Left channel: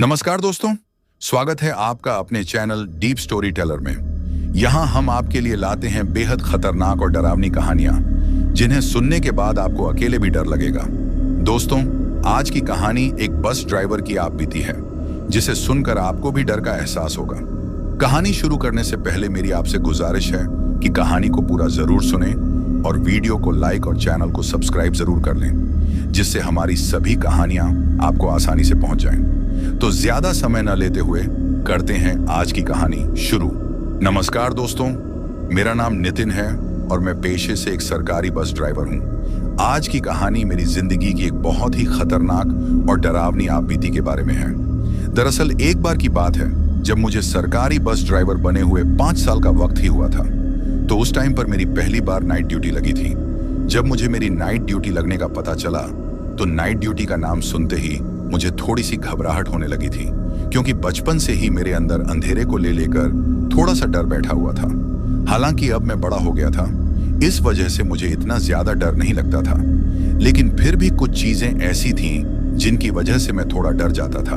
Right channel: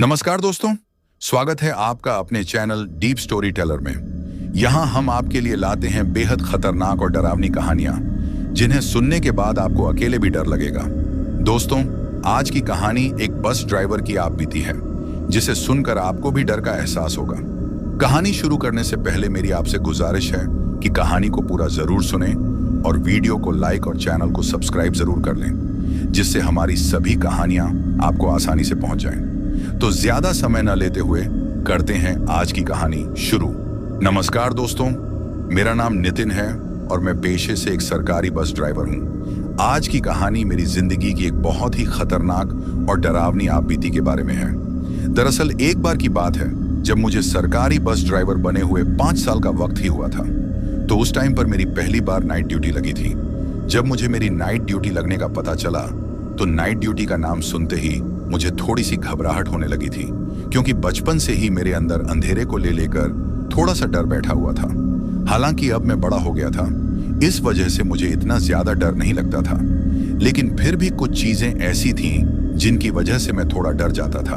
नमस्कार दोस्तों, स्वागत है आपका अपने चैनल डीप स्टोरी टेलर में। यहाँ हम आपके लिए लाते हैं बेहद खतरनाक और डरावनी कहानियां, जिन्हें सुनने के बाद आपको अकेले भी डर लगेगा। दोस्तों, आज की कहानी एक बस ड्राइवर की आप बीती है, जिसे सुनकर आपको भी डर का एहसास होगा। कहानी शुरू करने से पहले मेरी आपसे गुजारिश है कि कहानी को पूरा जरूर सुने और वीडियो को लाइक और चैनल को सब्सक्राइब जरूर कर लें, जिससे हमारी सभी कहानियां आपको आसानी से पहुंच जाएं। तो ज्यादा समय न लेते हुए करते हैं आज की कहानी शुरू। नमस्कार दोस्तों, मेरा नाम नितिन है और मैं पेशे से एक सरकारी बस ड्राइवर हूं। आज की कहानी मेरी जिंदगी की एक बहुत ही खतरनाक और डरावनी आपबीती के बारे में है। दरअसल एक बार की बात है जब मुझे सरकारी बस ड्राइवर बने हुए 5 साल का वक्त ही हुआ था। तो उस टाइम पर मेरी पहली बार नाइट ड्यूटी लगी थी। जब मुझे मेरी नाइट ड्यूटी लगने का पता चला तो नाइट ड्यूटी का नाम सुनते ही मुझे थोड़ी सी घबराहट होने लगी थी, क्योंकि बचपन से ही मेरे अंदर अंधेरे को लेकर थोड़ा सा डर बैठा हुआ था। हालांकि अब मैं बड़ा हो गया था, इस वजह से मुझे इतना ज्यादा डर नहीं लगता था, लेकिन फिर भी कुछ चीजें ऐसी थीं जिनकी वजह से मैं थोड़ा डर जाता था।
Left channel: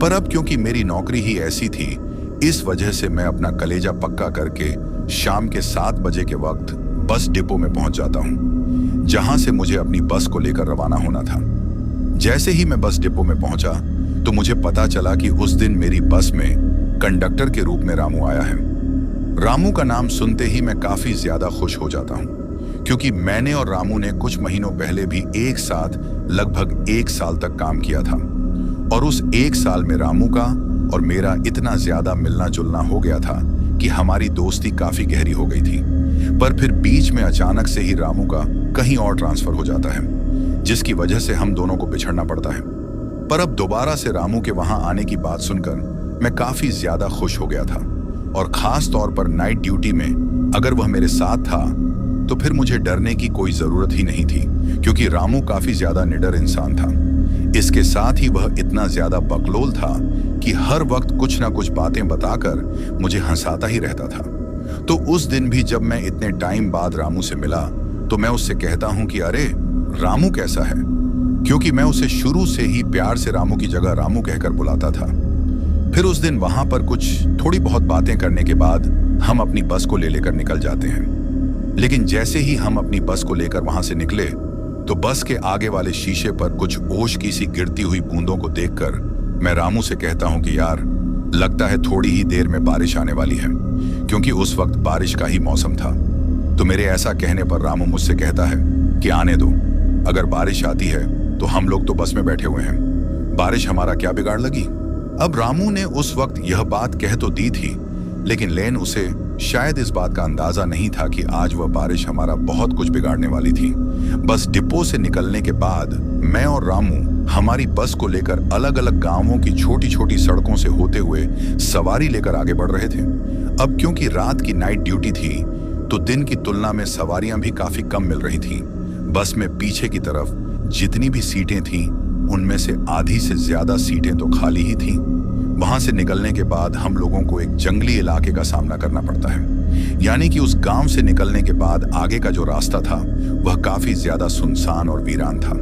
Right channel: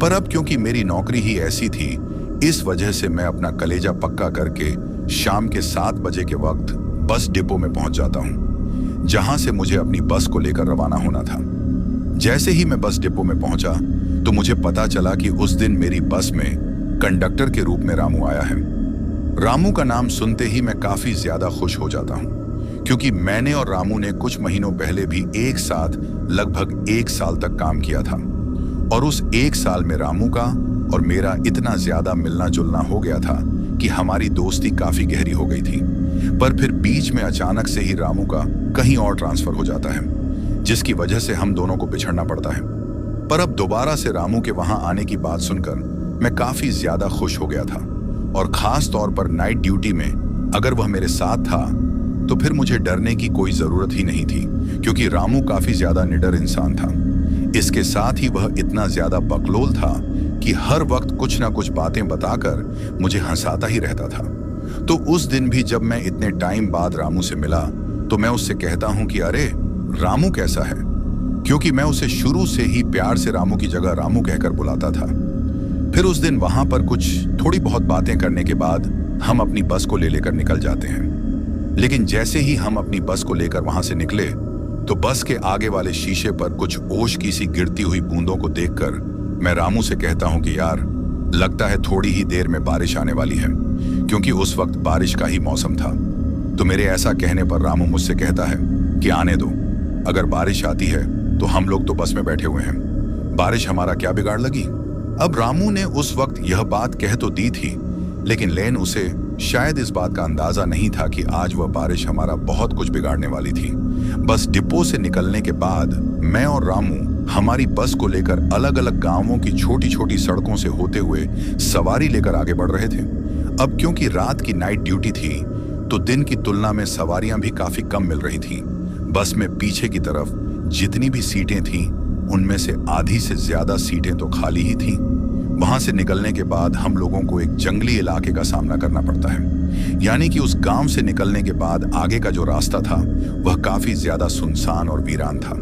पर अब क्योंकि मेरी नौकरी ही ऐसी थी, इस वजह से मैं अपना कलेजा पक्का करके शाम के 7 बजे के वक्त बस डिपो में पहुंच जाता हूं, जहां से मुझे अपनी बस को लेकर रवाना होना था। जैसे ही मैं बस डिपो में पहुंचा तो मुझे पता चला कि उस दिन मेरी बस में कंडक्टर के रूप में रामू आया है। रामू का नाम सुनते ही मैं काफी ज्यादा खुश हो जाता हूं, क्योंकि मैंने और रामू ने कुछ महीनों पहले भी एक साथ लगभग 1 साल तक काम किया था। और उस 1 साल में रामू का और मेरा इतना ज्यादा मिलना जुलना हो गया था कि हमारी दोस्ती काफी गहरी हो गई थी। पर फिर बीच में अचानक से ही रामू का कहीं और ट्रांसफर हो जाता है, जिसकी वजह से हम दोनों को बिछड़ना पड़ता है। पर अब दोबारा से रामू के वहां आने की बात सुनकर मैं काफी ज्यादा खुश हो गया था। और खास तौर पर नाइट ड्यूटी में अगर वह मेरे साथ था तो फिर मुझे डरने की कोई जरूरत ही नहीं थी, क्योंकि रामू काफी ज्यादा निडर इंसान था। इसके साथ ही वह इतना ज्यादा बकलोल था कि हर वक्त कुछ ना कुछ बातें बताकर मुझे हंसाता ही रहता था। तो उस दिन भी जब मैं इतने टाइम बाद रामू से मिला तो मैं उससे कहता हूं कि अरे रामू कैसा है, क्योंकि मैं उसे शुरू से ही प्यार से रामू की जगह रामू कहकर बुलाता था। फिर उस दिन वहां पर कुछ थोड़ी बहुत बातें करने के बाद हम अपनी बस को लेकर निकल जाते हैं। लेकिन जैसे ही हम अपनी बस को लेकर वहां से निकले तो बस के आगे वाले शीशे पर कुछ ओश की सी गिरती हुई बूंदों को देखकर मैं रामू से कहता हूं कि यार, लगता है थोड़ी ही देर में बारिश आने वाली है, क्योंकि उस वक्त बारिश का ही मौसम था। तो मेरे ऐसा कहने पर रामू मुझसे कहता है कि आने दो, अगर बारिश आती है तो हम लोग तो बस में बैठे हुए हैं, बारिश हमारा क्या बिगाड़ लगी। अब रामू ने उस वक्त यह बात कह तो दी थी, लेकिन उसे शायद इस बात का अंदाजा नहीं था कि आज वह बारिश हमारा बहुत कुछ बिगाड़ने वाली थी। बस डिपो से निकलने के बाद मैं और रामू हमारी बस को लेकर अलग अलग गांवों की छोटी छोटी सड़कों से होते हुए सवारी लेकर आगे बढ़ रहे थे। अब क्योंकि रात की नाइट ड्यूटी थी तो दिन की तुलना में सवारियां भी काफी कम मिल रही थीं। बस में पीछे की तरफ जितनी भी सीटें थीं, उनमें से आधी से ज्यादा सीटें तो खाली ही थीं। वहां से निकलने के बाद हम लोगों को एक जंगली इलाके का सामना करना पड़ता है, यानी कि उस गांव से निकलने के बाद आगे का जो रास्ता था वह काफी ज्यादा सुनसान और वीरान था।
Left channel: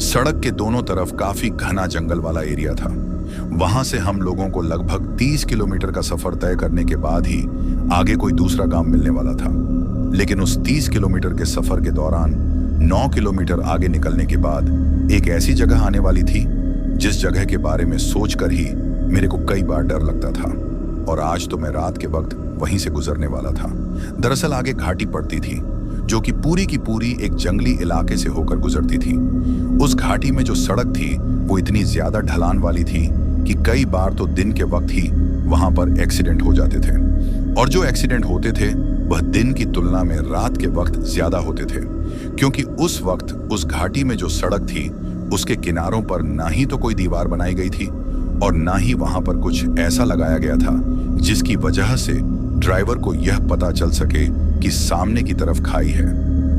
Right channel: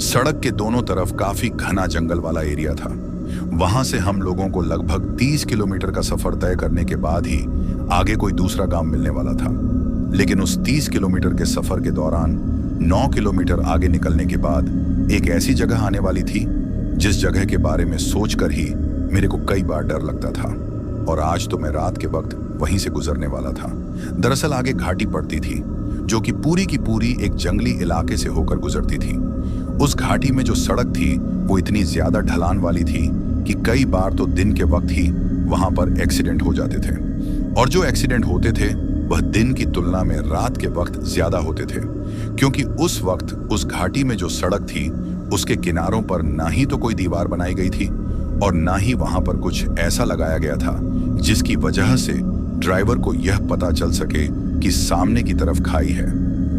सड़क के दोनों तरफ काफी घना जंगल वाला एरिया था। वहां से हम लोगों को लगभग 30 किलोमीटर का सफर तय करने के बाद ही आगे कोई दूसरा गांव मिलने वाला था। लेकिन उस 30 किलोमीटर के सफर के दौरान 9 किलोमीटर आगे निकलने के बाद एक ऐसी जगह आने वाली थी जिस जगह के बारे में सोचकर ही मेरे को कई बार डर लगता था। और आज तो मैं रात के वक्त वहीं से गुजरने वाला था। दरअसल आगे घाटी पड़ती थी जो कि पूरी एक जंगली इलाके से होकर गुजरती थी। उस घाटी में जो सड़क थी वो इतनी ज्यादा ढलान वाली थी कि कई बार तो दिन के वक्त ही वहां पर एक्सीडेंट हो जाते थे। और जो एक्सीडेंट होते थे वह दिन की तुलना में रात के वक्त ज्यादा होते थे, क्योंकि उस वक्त उस घाटी में जो सड़क थी उसके किनारों पर ना ही तो कोई दीवार बनाई गई थी और ना ही वहां पर कुछ ऐसा लगाया गया था जिसकी वजह से ड्राइवर को यह पता चल सके कि सामने की तरफ खाई है।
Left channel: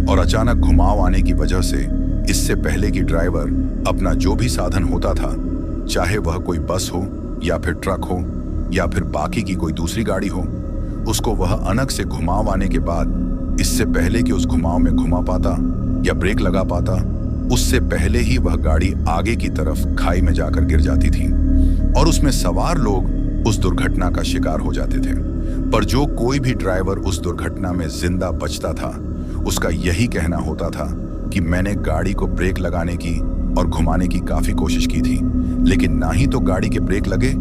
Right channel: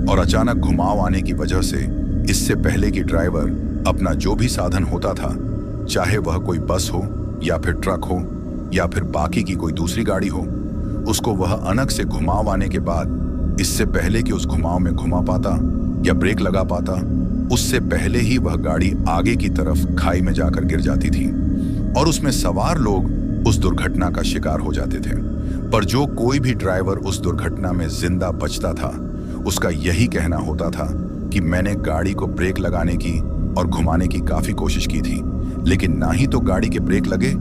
और अचानक घुमाव आने की वजह से इससे पहले कि ड्राइवर अपना जो भी साधन होता था, चाहे वह कोई बस हो या फिर ट्रक हो या फिर बाकी की कोई दूसरी गाड़ी हो, उसको वह अनक से घुमाव आने के बाद इससे पहले कि उस घुमाव में घुमा पाता या ब्रेक लगा पाता, उससे पहले ही वह गाड़ी आगे की तरफ खाई में जाकर गिर जाती थी। और उसमें सवार लोग उस दुर्घटना का शिकार हो जाते थे। पर जो कोई भी ड्राइवर उस दुर्घटना में जिंदा बचता था, उसका यही कहना होता था कि मैंने गाड़ी को ब्रेक लगाने की और घुमाने की काफी कोशिश की थी, लेकिन ना ही तो गाड़ी के ब्रेक लगे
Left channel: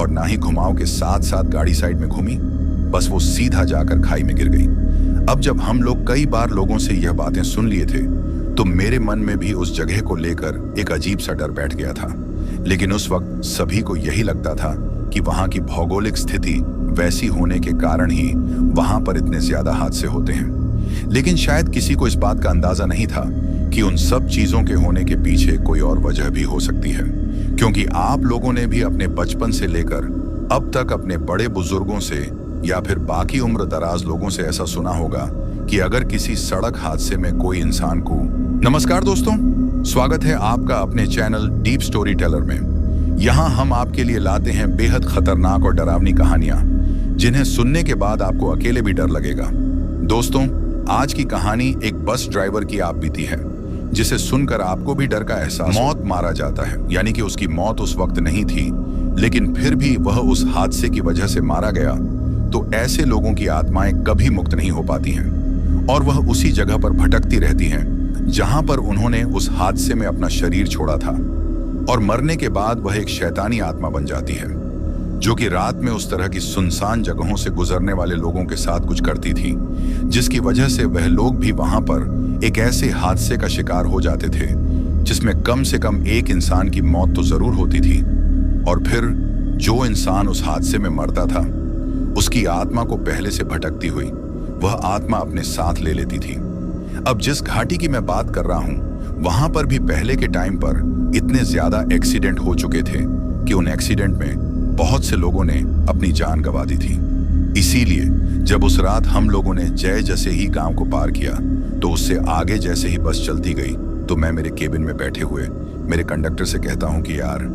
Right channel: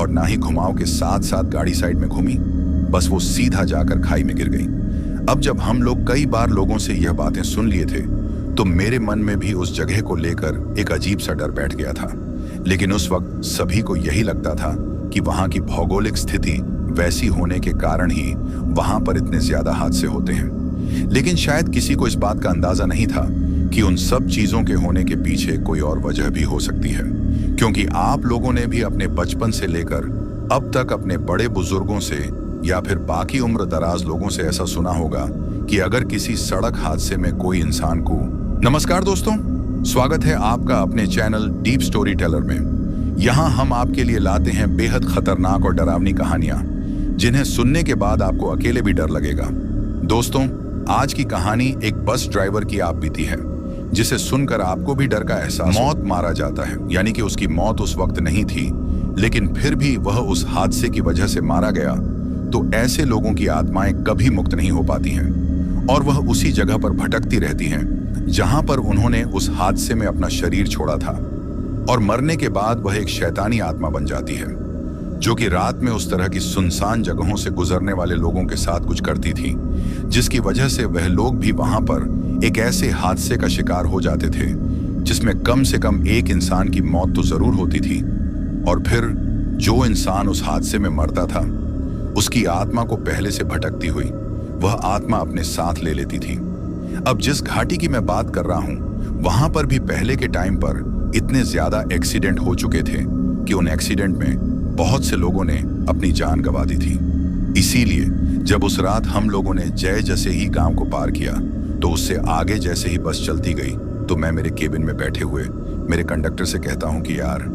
और ना ही घुमाव के साथ साथ गाड़ी साइड में घूमी, बस वो सीधा जाकर खाई में गिर गई। अब जब हम लोग कई बार लोगों से यह बातें सुन लिए थे, तो मेरे मन में भी उस जगह को लेकर एक अजीब सा डर बैठ गया था। लेकिन उस वक्त सभी को यही लगता था कि वहां की भौगोलिक स्थिति वैसी होने के कारण ही वहां पर इतने ज्यादा हादसे होते हैं। लेकिन शायद किसी को इस बात का अंदाजा नहीं था कि उन सब चीजों के होने के पीछे कोई और वजह भी हो सकती है। क्योंकि आप लोगों ने भी अपने बचपन से लेकर अब तक अपने बड़े बुजुर्गों से या फिर बाकी उम्र दराज लोगों से ऐसा सुना होगा कि अगर किसी सड़क हादसे में कोई इंसान को... नमस्कार दोस्तों, स्वागत है आपका अपने चैनल डीप स्टोरी टेलर में। यहाँ हम आपके लिए लाते हैं बेहद खतरनाक और डरावनी कहानियां, जिन्हें सुनने के बाद आपको अकेले भी डर लगेगा। दोस्तों, आज की कहानी एक बस ड्राइवर की आप बीती है, जिसे सुनकर आपको भी डर का एहसास... मौत मारा जाता है, यानी कि उसकी मौत उस वक्त नहीं थी, लेकिन फिर भी वह उस हादसे की वजह से मारा गया। तो ऐसे लोगों की आत्माएं कभी मुक्त नहीं हो पाती हैं और वह उसी जगह पर भटकती रहती हैं जहां पर उन्होंने उस हादसे में अपना शरीर छोड़ा था। और मरने के बाद वह एक शैतानी आत्मा बन जाती है, जो कि रात में उस तरह की सुनसान जगहों से गुजरने वाले लोगों के साथ कुछ करती थी, जिसकी वजह से वह लोग भी वहां पर एक ऐसे हादसे का शिकार हो जाते थे जिसमें कम से कम एक इंसान की मौत तो जरूर होती थी। और फिर जो इंसान उस हादसे में मरता था, उसकी आत्मा को पहले से भटकती हुई वह आत्मा अपने साथ ले लेती थी। अब जिस घाटी की मैं बात कर रहा हूं, वहां पर भी पहले के टाइम पर इतने ज्यादा एक्सीडेंट हो चुके थे कि उन एक्सीडेंट में बहुत से लोगों ने अपनी जान गंवा दी थी। इसीलिए जब उस रात हम लोगों ने जय जैसे ही गांव को पार किया, तो उससे आगे जैसे ही बस चलती गई, तो मैं मेरे केबिन में बैठे हुए मेरे कंडक्टर से कहता हूं कि यार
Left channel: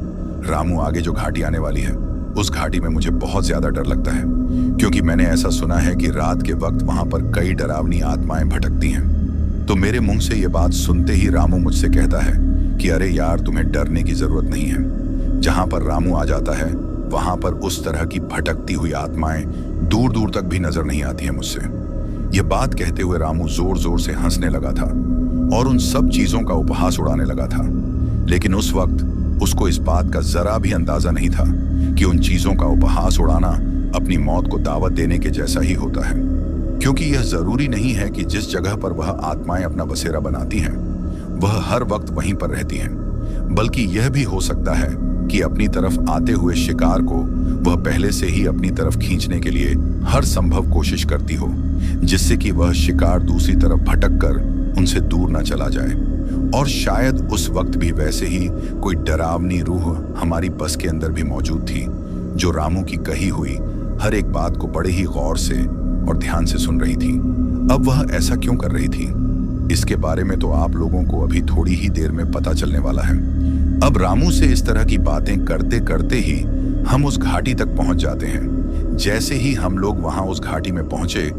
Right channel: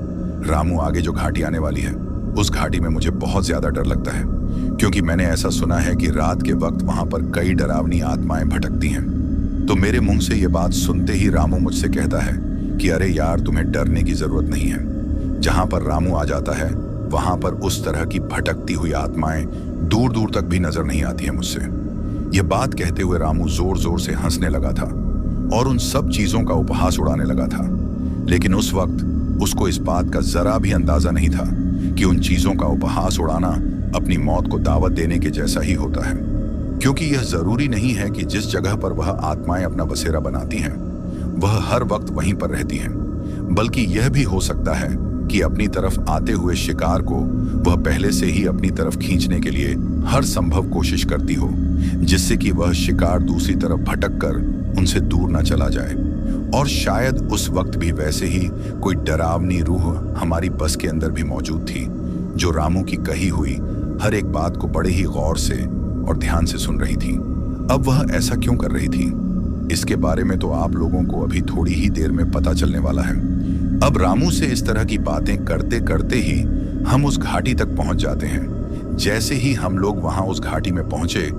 रामू, आगे जो घाटी आने वाली है, उस घाटी में मुझे बहुत ज्यादा डर लगता है, क्योंकि मैंने ऐसा सुना है कि रात के वक्त वहां पर कई डरावनी आत्माएं भटकती हैं। तो मेरे मुंह से ये बात सुनते ही रामू मुझसे कहता है कि अरे यार, तुम्हें डरने की जरूरत नहीं है। जहां पर रामू आ जाता है, वहां पर उस तरह की भटकती हुई आत्माएं दूर दूर तक भी नजर नहीं आती है मुझसे। ये बात कहते हुए रामू जोर जोर से हंसने लगा था और उन सब चीजों का उपहास उड़ाने लगा था। लेकिन उस वक्त उसको इस बात का जरा भी अंदाजा नहीं था कि उन चीजों का उपहास उड़ाना अपनी मौत को दावत देने के जैसा ही होता है। क्योंकि यह जरूरी नहीं है कि जिस जगह पर वह आत्माएं अपना बसेरा बनाती हैं, वह हर वक्त वहीं पर रहती हैं, बल्कि यह भी हो सकता है कि अपनी तरफ आते हुए शिकार को वह पहले से ही अपनी तरफ खींचने के लिए हर संभव कोशिश करती हो, जिससे कि वह शिकार दूसरी तरफ भटक कर उनसे दूर न चला जाए। और शायद उस वक्त भी वैसे ही कोई डरावनी रूह हमारी बस के अंदर भी मौजूद थी, जो रामू की कही हुई हर एक बात को बड़े ही गौर से और ध्यान से सुन रही थी। अब वह ऐसा क्यों कर रही थी, इसके बारे में तो आप लोगों को अभी थोड़ी ही देर में पता चलने वाला है। अब रामू से इस तरह की बातें करते करते ही हम उस घाटी तक पहुंच जाते हैं। जैसे ही हम लोग वहां उस घाटी में पहुंचे,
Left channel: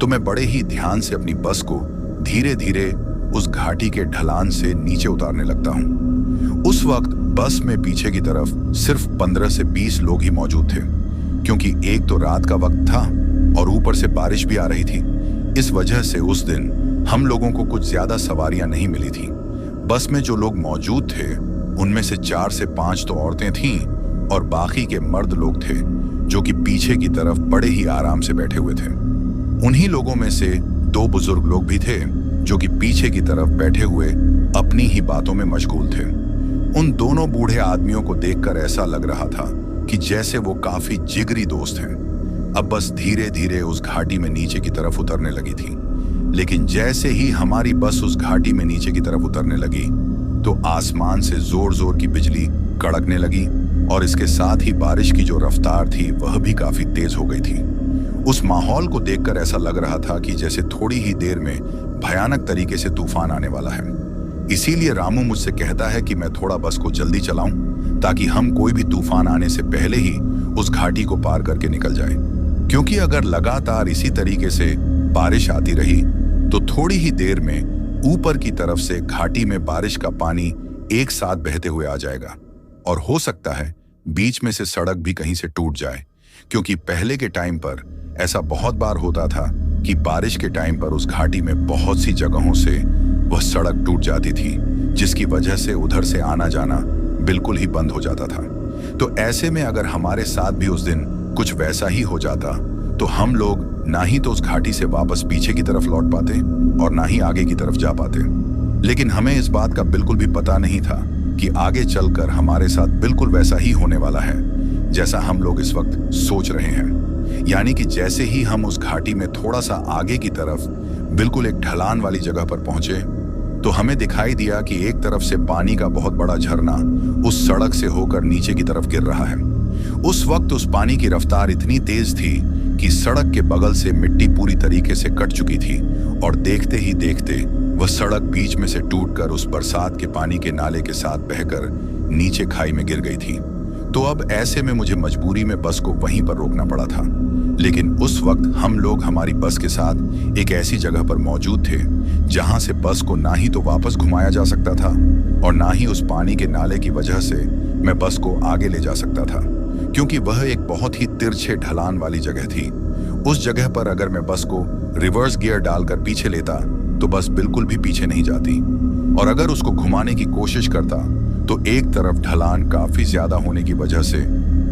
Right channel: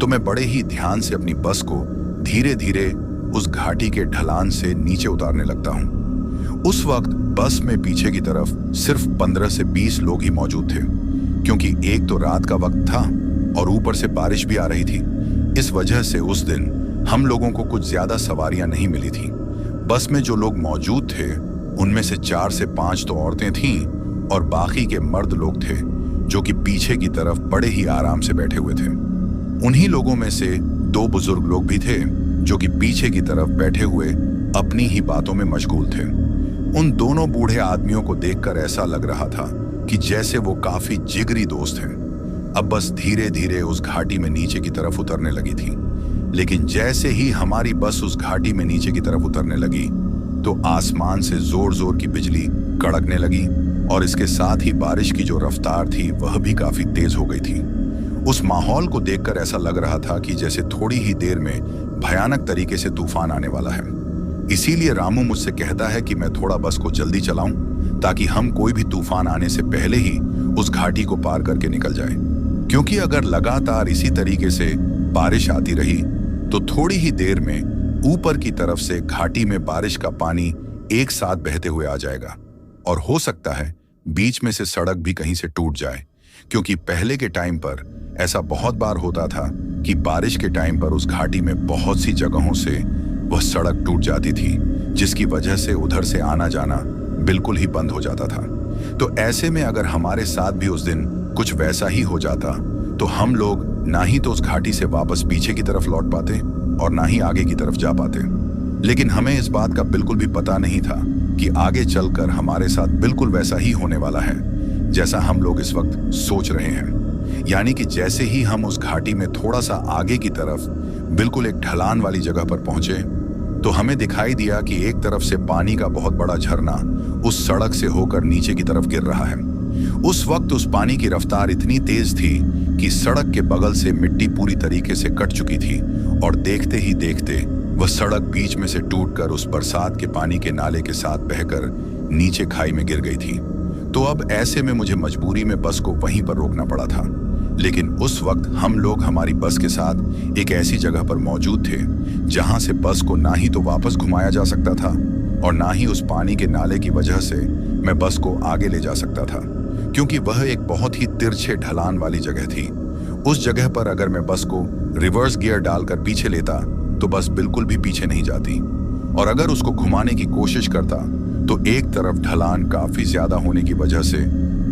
तो मैं बड़े ही ध्यान से अपनी बस को धीरे धीरे उस घाटी के ढलान से नीचे उतारने लगता हूं। उस वक्त बस में पीछे की तरफ सिर्फ 15 से 20 लोग ही मौजूद थे, क्योंकि एक तो रात का वक्त था और ऊपर से बारिश भी आ रही थी। इस वजह से उस दिन हम लोगों को कुछ ज्यादा सवारियां नहीं मिली थी। बस में जो लोग मौजूद थे, उनमें से 4 से 5 तो औरतें थीं और बाकी के मर्द लोग थे, जो कि पीछे की तरफ बड़े ही आराम से बैठे हुए थे। उन्हीं लोगों में से 2 बुजुर्ग लोग भी थे, जो कि पीछे की तरफ बैठे हुए अपनी ही बातों में मशगूल थे। उन दोनों बूढ़े आदमियों को देखकर ऐसा लग रहा था कि जैसे वो काफी जिगरी दोस्त हैं। अब बस धीरे धीरे उस घाटी में नीचे की तरफ उतरने लगी थी। लेकिन जैसे ही हमारी बस उस घाटी में नीचे की तरफ उतरने लगी, तो आसमान से जोर जोर की बिजली कड़कने लगी और इसके साथ ही बारिश की जो रफ्तार थी वह भी काफी तेज हो गई थी। उस माहौल को देखकर ऐसा लग रहा था कि जैसे थोड़ी ही देर में भयानक तरीके से तूफान आने वाला है। इसीलिए रामू मुझसे कहता है कि मैं थोड़ा बस को जल्दी चलाऊं, ताकि हम कोई भी तूफान आने से पहले ही उस घाटी को पार करके निकल जाए। क्योंकि अगर लगातार इसी तरीके से बारिश आती रही, तो थोड़ी ही देर में ऊपर की तरफ से घाटी में बारिश का पानी एक साथ बहते हुए आ जाएगा और हो सकता है बीच में से सड़क भी कहीं से टूट जाए, क्योंकि पहले के टाइम पर ऐसा बहुत बार होता था कि बारिश के टाइम पर उस घाटी में बहुत सी जगहों से वह सड़क टूट जाती थी, जिसकी वजह से उधर से आना जाना बिल्कुल ही बंद हो जाता था। तो ऐसे में अगर हमारे साथ भी उस दिन कुछ वैसा ही हो जाता तो हम लोग ना ही तो उस घाटी से वापस पीछे की तरफ लौट पाते और ना ही आगे की तरफ जा पाते। लेकिन हमें इस बात का बिल्कुल भी पता नहीं था कि आगे चलकर हमारे साथ बिल्कुल वैसा ही होने वाला है जैसा हम लोग इस वक्त सोच रहे हैं। यानी कि जैसे ही हम उस घाटी में थोड़ा सा आगे की तरफ बिल्कुल एक ढलान वाली जगह पर पहुंचे तो हमें दिखाई दिया कि एक तरफ से पानी का बहुत बड़ा झरना उस सड़क से होकर नीचे की तरफ गिर रहा है। उस वक्त उस पानी की रफ्तार इतनी तेज थी कि सड़क के बगल से मिट्टी पूरी तरीके से कट चुकी थी और देखते ही देखते वह सड़क बीच में से टूटकर उस बरसात के पानी के नाले के साथ बहकर नीचे खाई में गिर गई थी। तो अब ऐसे में मुझे मजबूरी में बस को वहीं पर रोकना पड़ा था। लेकिन उस वक्त हम लोग हमारी बस के साथ एक ऐसी जगह पर मौजूद थे जहां से बस को ना ही तो वापस घुमाया जा सकता था और ना ही उस पानी के नाले की वजह से मैं बस को आगे ले जा सकता था, क्योंकि वह एक बहुत ही तिरछे ढलान वाली जगह थी। उस जगह पर अगर मैं बस को रिवर्स गियर डालकर पीछे लेता तो बस बिल्कुल भी पीछे नहीं जाती, और अगर उसको घुमाने की कोशिश करता तो एक तरफ ढलान काफी ज्यादा होने की वजह से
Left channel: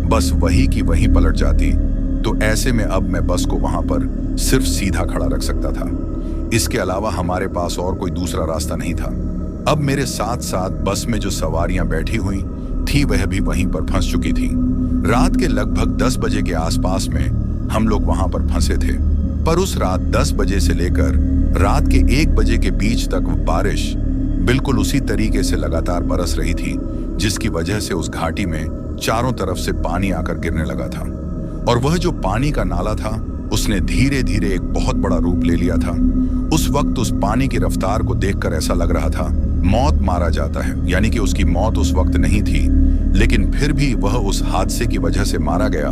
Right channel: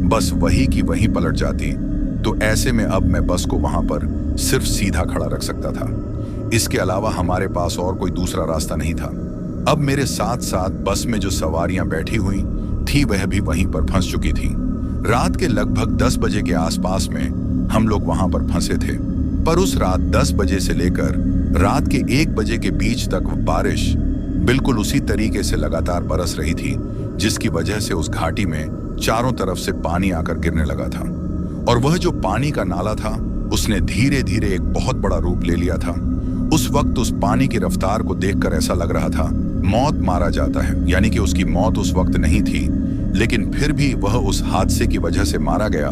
बस वही की वहीं पलट जाती। तो ऐसे में अब मैं बस को वहां पर सिर्फ सीधा खड़ा रख सकता था। इसके अलावा हमारे पास और कोई दूसरा रास्ता नहीं था। अब मेरे साथ साथ बस में जो सवारियां बैठी हुई थी वह भी वहीं पर फंस चुकी थी। रात के लगभग 10 बजे के आसपास में हम लोग वहां पर फंसे थे, पर उस रात 10 बजे से लेकर रात के 1 बजे के बीच तक बारिश बिल्कुल उसी तरीके से लगातार बरस रही थी, जिसकी वजह से उस घाटी में चारों तरफ से पानी आकर गिरने लगा था। और वह जो पानी का नाला था उसने धीरे धीरे एक बहुत बड़ा रूप ले लिया था। उस वक्त उस पानी की रफ्तार को देखकर ऐसा लग रहा था मौत मारा जाता है, यानी कि उसकी मौत उस वक्त नहीं थी, लेकिन फिर भी वह उस हादसे की वजह से मारा गया।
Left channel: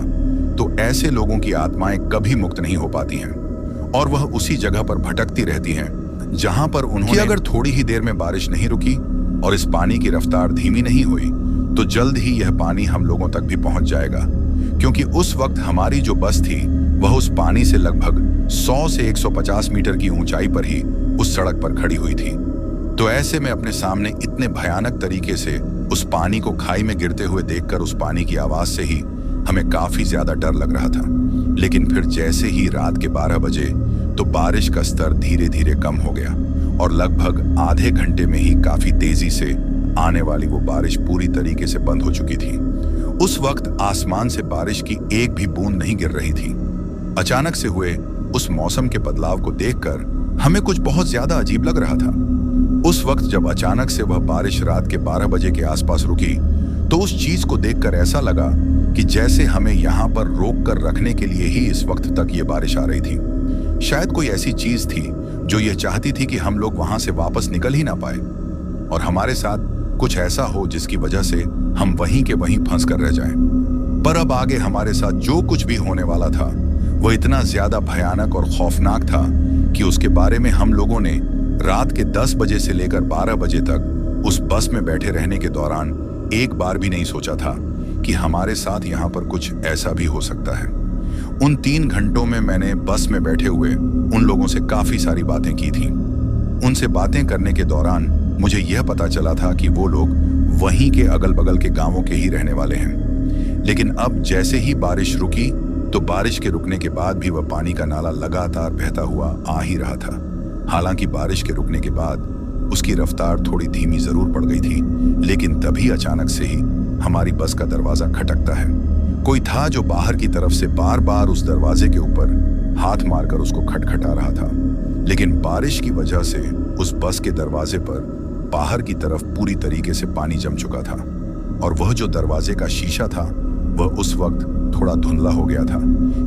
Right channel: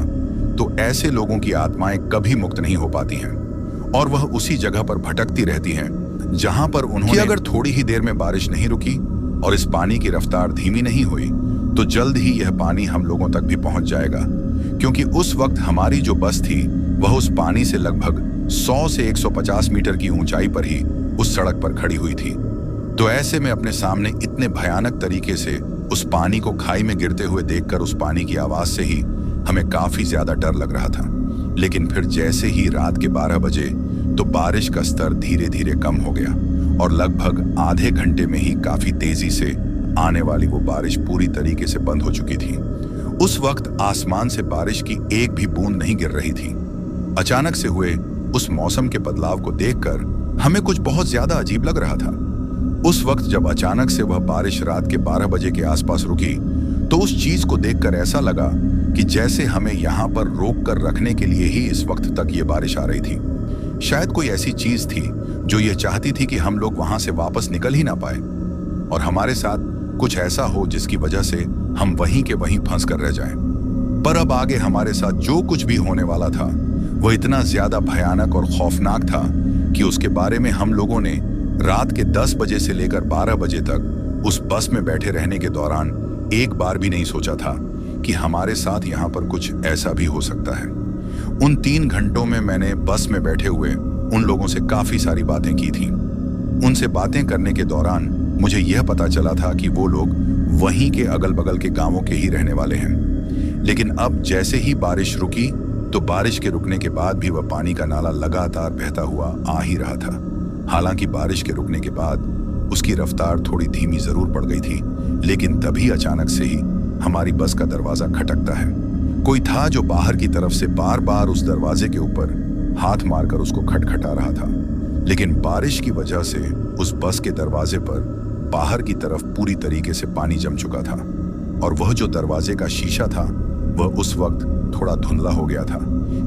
तो ऐसे लोगों की आत्माएं कभी मुक्त नहीं हो पाती हैं और वह उसी जगह पर भटकती रहती हैं जहां पर उन्होंने अगर थोड़ी ही देर में बारिश नहीं रुकी और इस पानी की रफ्तार धीमी नहीं हुई तो जल्द ही यह पानी हम लोगों तक भी पहुंच जाएगा, क्योंकि उस वक्त हमारी जो बस थी वह उस पानी से लगभग 100 से 150 मीटर की ऊंचाई पर ही उस सड़क पर खड़ी हुई थी। तो ऐसे में अपने सामने इतने भयानक तरीके से उस पानी को खाई में गिरते हुए देखकर उस पानी की आवाज से ही हमें काफी ज्यादा डर लग रहा था। लेकिन फिर जैसे ही रात के 12 बजे तो बारिश का स्तर धीरे धीरे कम हो गया और लगभग आधे घंटे में ही काफी तेजी से आने वाली वो बारिश पूरी तरीके से बंद हो चुकी थी। उस वक्त आसमान से बारिश की एक भी बूंद नहीं गिर रही थी। अचानक से हुए उस मौसम के बदलाव को देखकर हमें कुछ बहुत ज्यादा अजीब लग रहा था। उस वक्त जब अचानक से वह बारिश रात के 12 बजे के आसपास रुकी तो उस चीज को देखकर ऐसा लगा कि जैसे हमें यहाँ पर रोक कर रखने के लिए ही इस वक्त तक ये बारिश आ रही थी। शायद कोई ऐसी चीज थी जो ये चाहती थी कि हम लोग वहां से वापस निकल ही ना पाए और हमारे साथ कुछ ऐसा हो जिसकी वजह से हम वहीं के वहीं फंस कर रह जाएं। पर अब आगे हमारे साथ जो कुछ भी होने वाला था वह इतना ज्यादा भयानक और खौफनाक था कि उसके बारे में हम लोगों ने रात के 10 बजे से लेकर 12 बजे तक उस बस में बैठे रहने के दौरान एक बार भी नहीं सोचा था कि हमारे साथ यहाँ पर कुछ ऐसा भी हो सकता है। उन 3 घंटों में मैंने बस में बैठे हुए उन लोगों से काफी सारी बातें की थी। उनसे बातें करने के दौरान मुझे यह पता चला था कि वो लोग वहीं के अगल बगल के गांवों के ही रहने वाले हैं। लेकिन अब जैसे ही बारिश रुकी तो बारिश के रुकने के बाद भी वह पानी का नाला लगातार बहता हुआ आ ही रहा था। हालांकि बारिश के रुकने के बाद उसकी रफ्तार थोड़ी धीमी जरूर पड़ गई थी, लेकिन तभी अचानक से ही हमारी बस का दरवाजा खटकता है। कोई था जो बाहर की तरफ से बार बार उस दरवाजे के ऊपर हाथ मारकर उसको खटखटा रहा था। लेकिन बारिश की वजह से उस बस के दरवाजे पर बाहर की तरफ पूरी तरीके से पानी जम चुका था और वह जो दरवाजे का शीशा था वह उस वक्त थोड़ा धुंधला हो गया था,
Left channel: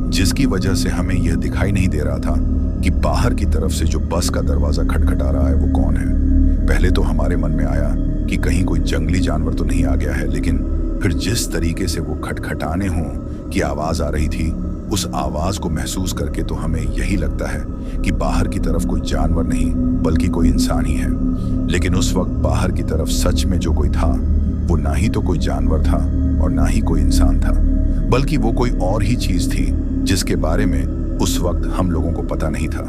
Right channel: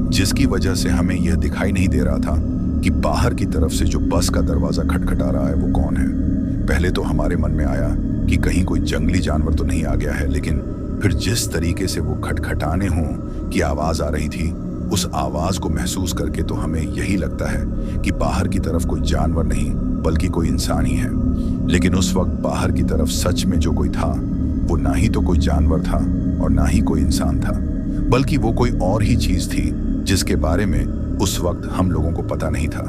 जिसकी वजह से हमें यह दिखाई नहीं दे रहा था कि बाहर की तरफ से जो बस का दरवाजा खटखटा रहा है वो कौन है। पहले तो हमारे मन में आया कि कहीं कोई जंगली जानवर तो नहीं आ गया है, लेकिन फिर जिस तरीके से वो खटखटाने हों की आवाज आ रही थी, उस आवाज को महसूस करके तो हमें यही लगता है कि बाहर की तरफ कोई जानवर नहीं बल्कि कोई इंसान ही है। लेकिन उस वक्त बाहर की तरफ सच में जो कोई था वो ना ही तो कोई जानवर था और ना ही कोई इंसान था, बल्कि वो कोई और ही चीज थी जिसके बारे में उस वक्त हम लोगों को पता नहीं था।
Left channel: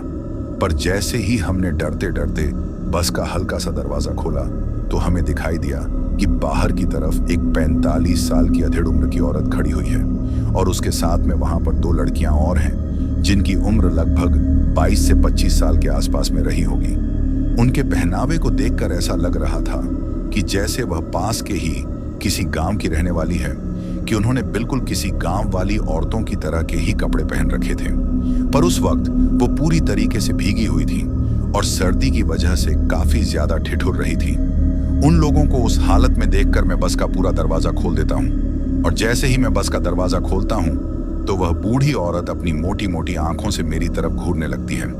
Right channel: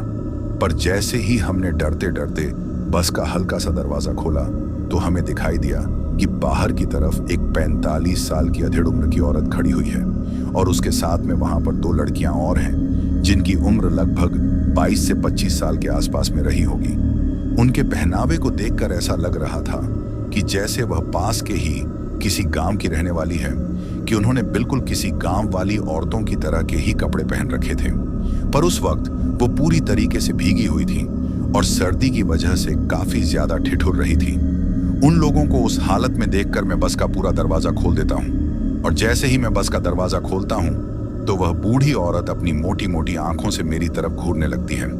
पर जैसे ही हमने डरते डरते बस का हल्का सा दरवाजा खोला तो हमें दिखाई दिया कि बाहर की तरफ एक 45 साल की अधेड़ उम्र की औरत खड़ी हुई है और उसके साथ में वहां पर 2 लड़कियां और हैं जिनकी उम्र लगभग 22 से 25 साल के आसपास में रही होगी। उनके पहनावे को देखकर ऐसा लग रहा था कि जैसे वह पास के ही किसी गांव की रहने वाली है, कि उन्होंने बिल्कुल किसी गांव वाली औरतों की तरह के ही कपड़े पहन रखे थे। पर उस वक्त वो पूरी तरीके से भीगी हुई थी और सर्दी की वजह से काफी ज्यादा ठिठुर रही थी। उन लोगों को उस हालत में देखकर मैं बस का पूरा दरवाजा खोल देता हूँ और जैसे ही मैं बस का दरवाजा खोलता हूँ तो वह बूढ़ी औरत अपनी मोटी मोटी आंखों से मेरी तरफ घूरने लगती है।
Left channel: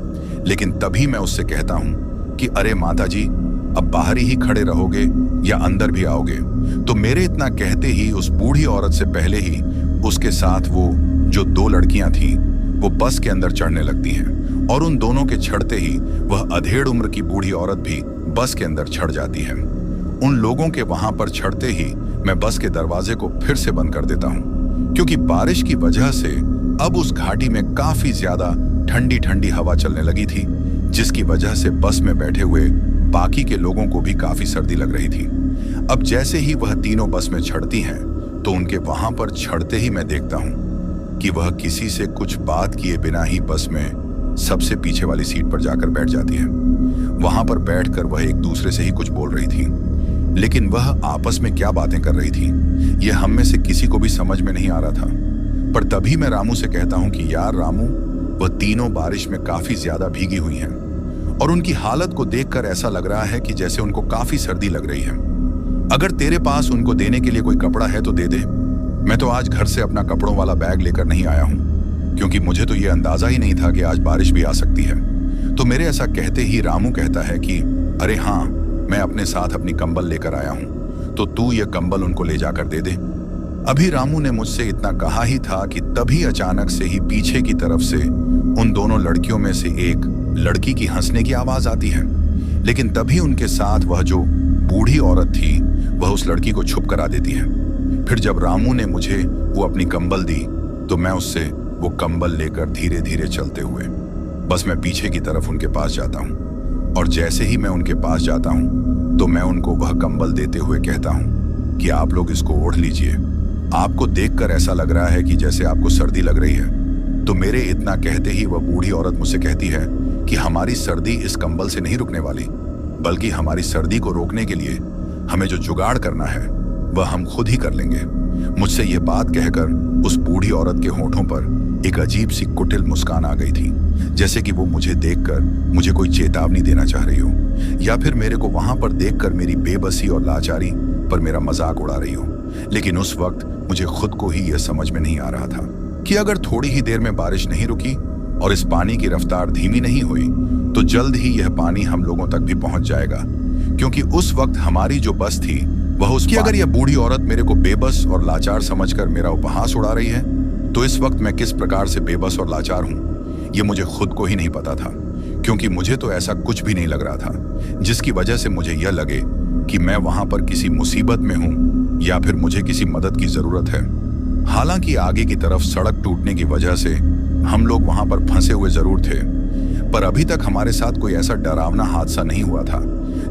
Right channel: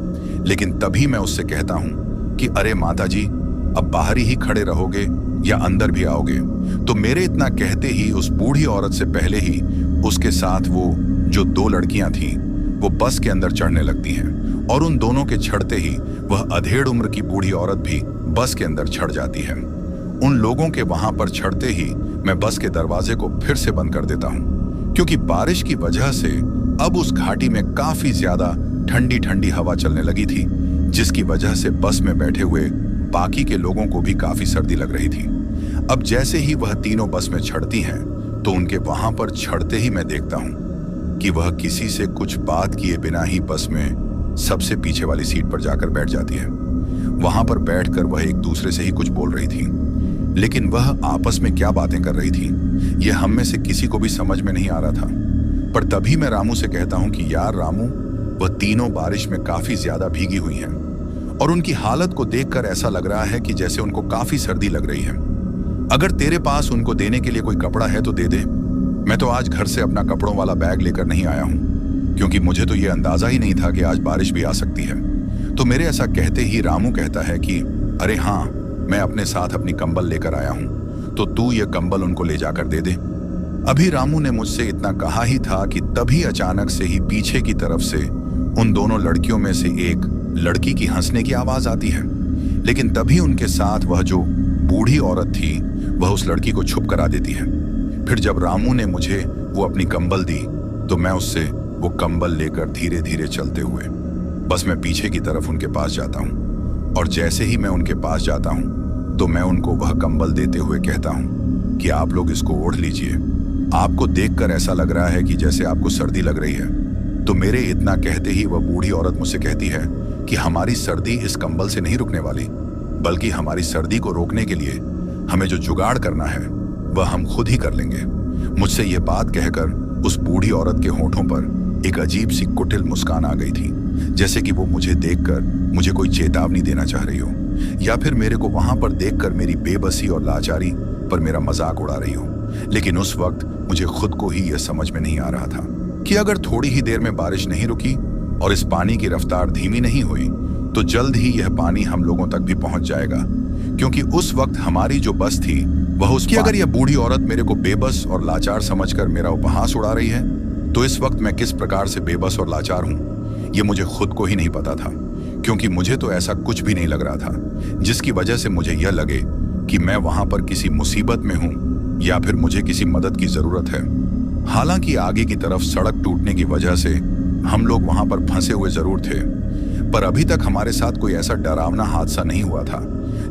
लेकिन तभी मैं उससे कहता हूँ कि अरे माता जी, अब बाहर ही खड़े रहोगे या अंदर भी आओगे? तो मेरे इतना कहते ही उस बूढ़ी औरत से पहले ही उसके साथ वो जो 2 लड़कियां थीं वो बस के अंदर चढ़ने लगती हैं और उन दोनों के चढ़ते ही वह अधेड़ उम्र की बूढ़ी औरत भी बस के अंदर चढ़ जाती है। उन लोगों के वहां पर चढ़ते ही मैं बस के दरवाजे को फिर से बंद कर देता हूं, क्योंकि बारिश की वजह से अब उस घाटी में काफी ज्यादा ठंडी ठंडी हवा चलने लगी थी, जिसकी वजह से बस में बैठे हुए बाकी के लोगों को भी काफी सर्दी लग रही थी। अब जैसे ही वह तीनों बस में चढ़ती हैं तो उनके वहां पर चढ़ते ही मैं देखता हूं कि वह किसी से कुछ बात किए बिना ही बस में सबसे पीछे वाली सीट पर जाकर बैठ जाती है। वहां पर बैठकर वह एक दूसरे से ही कुछ बोल रही थी, लेकिन वह आपस में क्या बातें कर रही थी यह हम में से किसी को भी समझ में नहीं आ रहा था। पर तभी मैं रामू से कहता हूं कि यार रामू, वह तीनों बारिश में काफी ज्यादा भीगी हुई हैं और उनकी हालत को देखकर ऐसा लग रहा है कि जैसे उनको काफी सर्दी लग रही है। अगर तेरे पास उनको देने के लिए कोई कपड़ा है तो दे दे। मैं तो आज घर से अपना कपड़ों वाला बैग लेकर नहीं आया हूं, क्योंकि मुझे तो यह अंदाजा ही नहीं था कि आज बारिश भी आ सकती है। तो मेरे ऐसा कहते ही रामू कहता है कि अरे हाँ, मैं अपने साथ अपनी कंबल लेकर आया हूं, तो तू ये कंबल उनको ले जाकर दे दे। अभी रामू ने मुझसे इतना कहा ही था कि तभी अचानक से ही पीछे की तरफ से उन दोनों लड़कियों में से एक लड़की की हंसने की आवाज आती है। लेकिन तभी उनके साथ वह जो बूढ़ी औरत थी वह उस लड़की को छुप करा देती है। फिर जब रामू ने मुझे वो अपनी कंबल दी तो मैं उससे वो कंबल लेकर धीरे धीरे चलते हुए बस मैं पीछे की तरफ उनके पास जाता हूँ और जैसे ही मैं उनके पास जाता हूँ तो मैं उनको वह कंबल देते हुए कहता हूँ कि आप लोग इसको ओढ़ लीजिए। आपको देखकर ऐसा लग रहा है कि जैसे आपको सर्दी लग रही है। तो मेरे इतना कहते ही वह बूढ़ी औरत मुझसे कहती है कि हमारी सर्दी इस कंबल से नहीं रुकने वाली, बल्कि हमारी सर्दी को रोकने के लिए हमें जो जुगाड़ करना है वह हम खुद ही कर लेंगे। मुझसे यह बात कहकर उस बूढ़ी औरत के होठों पर एक अजीब सी कुटिल मुस्कान आ गई थी, जैसे कि वो मुझे देखकर मुझे कोई चेतावनी देना चाह रही हो या फिर मेरे को वहां पर देखकर मेरी बेबसी और लाचारी पर मेरा मजाक उड़ा रही हो। लेकिन उस वक्त मुझे खुद को ही यह समझ में नहीं आ रहा था कि अगर थोड़ी ही देर में बारिश नहीं रुकी और इस पानी की रफ्तार धीमी नहीं हुई तो जल्द ही यह पानी हम लोगों तक भी पहुंच जाएगा, क्योंकि उस वक्त हमारी जो बस थी वह उसकी अगर यह बूढ़ी औरत मेरे को बेबस और लाचार समझकर मेरा उपहास उड़ा रही है तो इस वक्त मैं किस प्रकार से बेबस और लाचार हूं यह मुझे खुद को ही नहीं पता था, क्योंकि मुझे तो ऐसा कुछ भी नहीं लग रहा था जिसकी वजह से मुझे यह लगे कि मैं वहां पर किसी मुसीबत में हूं या फिर मुझे किसी मदद की जरूरत है। हालांकि आगे की तरफ सड़क टूटने की वजह से हम लोग वहां पर फंसे हुए जरूर थे, पर अभी तक हमारे साथ कोई ऐसा डरावना हादसा नहीं हुआ था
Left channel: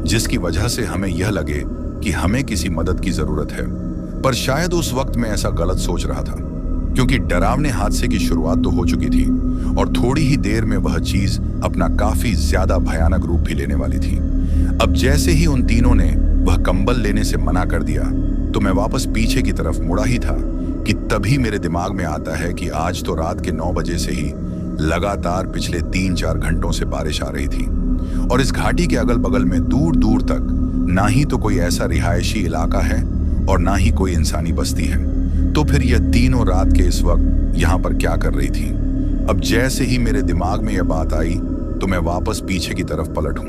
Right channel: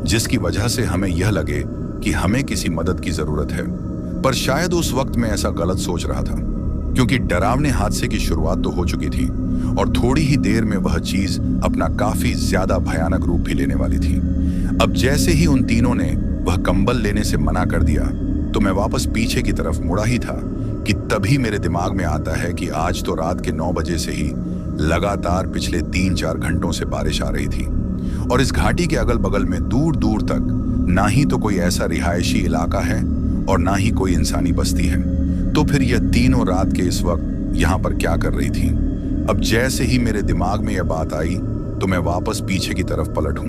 जिसकी वजह से हमें यह लगे कि हमें किसी मदद की जरूरत है। पर शायद उस वक्त मैं ऐसा गलत सोच रहा था, क्योंकि डरावने हादसे की शुरुआत तो हो चुकी थी और थोड़ी ही देर में वह चीज अपना काफी ज्यादा भयानक रूप भी लेने वाली थी। अब जैसे ही उन तीनों ने वह कंबल लेने से मना कर दिया तो मैं वापस पीछे की तरफ मुड़ा ही था कि तभी मेरे दिमाग में आता है कि आज तो रात के 9 बजे से ही लगातार पिछले 3-4 घंटों से बारिश आ रही थी और इस घाटी के अगल बगल में दूर दूर तक ना ही तो कोई ऐसा रिहायशी इलाका है और ना ही कोई इंसानी बस्ती है। तो फिर यह तीनों रात के इस वक्त यहाँ पर क्या कर रही थी? अब जैसे ही मेरे दिमाग में यह बात आई तो मैं वापस पीछे की तरफ पलटूं,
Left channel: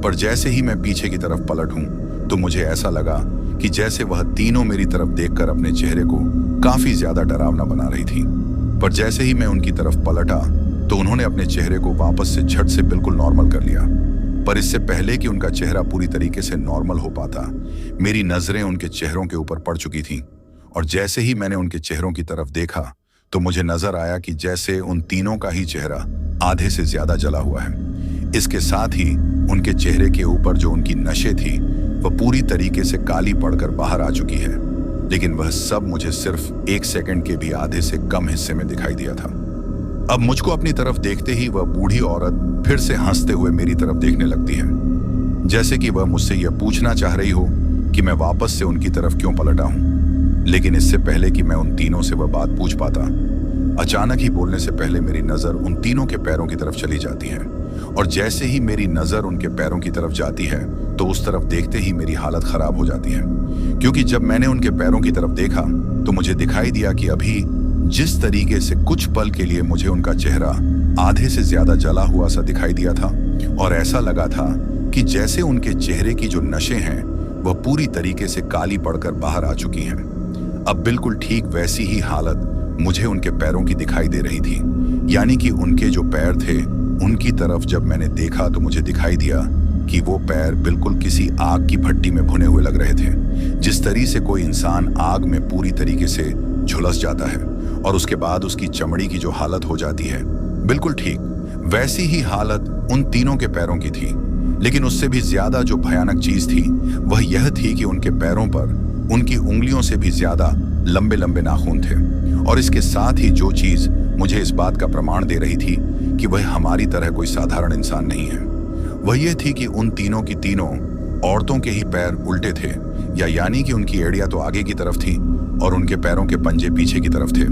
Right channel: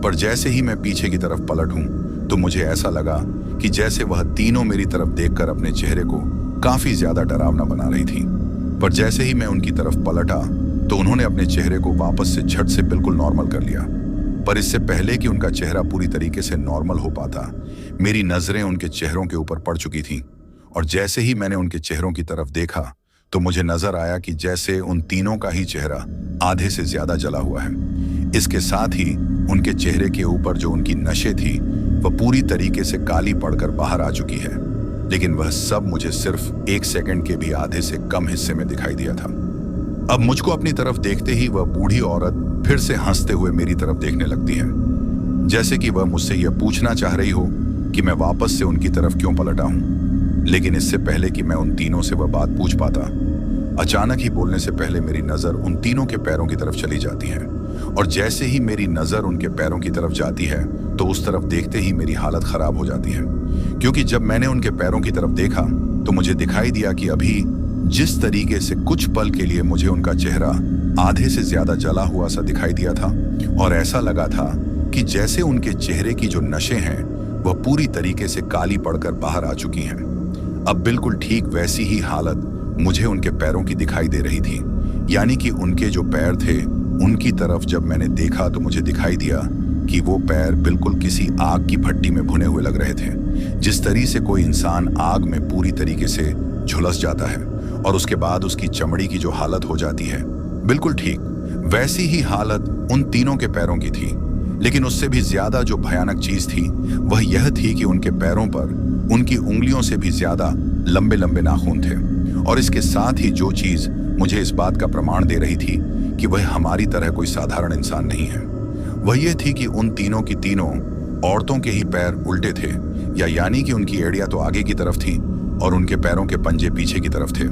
पर जैसे ही मैं पीछे की तरफ पलटूं तो मुझे ऐसा लगा कि जैसे वह तीनों मेरी तरफ देखकर अपने चेहरे को काफी ज्यादा डरावना बना रही थी। पर जैसे ही मैं उनकी तरफ पलटा तो उन्होंने अपने चेहरे को वापस से झट से बिल्कुल नॉर्मल कर लिया। पर इससे पहले कि उनका चेहरा पूरी तरीके से नॉर्मल हो पाता, मेरी नजरें उनके चेहरों के ऊपर पड़ चुकी थीं और जैसे ही मैंने उनके चेहरों की तरफ देखा तो मुझे नजर आया कि जैसे उन तीनों का ही चेहरा आधे से ज्यादा जला हुआ है। इसके साथ ही उनके चेहरे के ऊपर जो उनकी नशे थी वह पूरी तरीके से काली पड़कर बाहर आ चुकी है। लेकिन वह सब मुझे सिर्फ 1 सेकंड के भी आधे से कम हिस्से में दिखाई दिया था। अब मुझको अपनी तरफ देखते ही वह बूढ़ी औरत फिर से हंसते हुए मेरी तरफ देखने लगती है, जैसे कि वह मुझसे यह पूछना चाह रही हो कि मैं वापस से उनकी तरफ क्यों पलटा हूं। लेकिन इससे पहले कि मैं उन तीनों से वह बात पूछ पाता, अचानक ही बोलने से पहले मेरी नजर उन तीनों के पैरों की तरफ चली जाती है। और जैसे ही मेरी नजर उनके पैरों की तरफ जाती है तो उस तरफ देखते ही मेरी हालत खराब हो जाती है, क्योंकि जब मैंने उनके पैरों की तरफ देखा तो मुझे दिखाई दिया कि अभी जिस तरीके से कुछ पल के लिए मुझे उनका चेहरा आधे से ज्यादा जला हुआ सा दिखाई दिया था, और ऐसा लगा था कि जैसे उनके चेहरे की जो नशे हैं वह पूरी तरीके से काली पड़कर बाहर आ चुकी हैं। अब बिल्कुल ठीक वैसी ही हालत मुझे उनके पैरों की दिखाई दे रही थी, यानी कि उनके जो पैर थे उनकी तरफ जब मैंने देखा तो मुझे दिखाई दिया कि वो पैर बिल्कुल किसी आग की भट्टी में भुने हुए लग रहे थे। जिस तरीके से कोई इंसान आग में पूरी तरीके से झुलस जाता है और उसके बाद उसकी चमड़ी की जो हालत हो जाती है, बिल्कुल ठीक वैसी ही हालत उन तीनों के पैरों की थी। लेकिन उससे भी ज्यादा जो भयानक चीज थी वह यह थी कि उनके पैरों पर उनकी उंगलियों से भी ज्यादा लंबे लंबे नाखून थे। और इसके साथ ही जो चीज मुझे इस बात का प्रमाण दे रही थी कि वह हमारी तरह कोई साधारण इंसान नहीं है, वह यह थी कि उन तीनों की तीनों औरतों के ही पैर उल्टे थे, या यानी कि उनकी एड़ियां तो आगे की तरफ थी और उनके पैरों के पंजे पीछे की तरफ थे।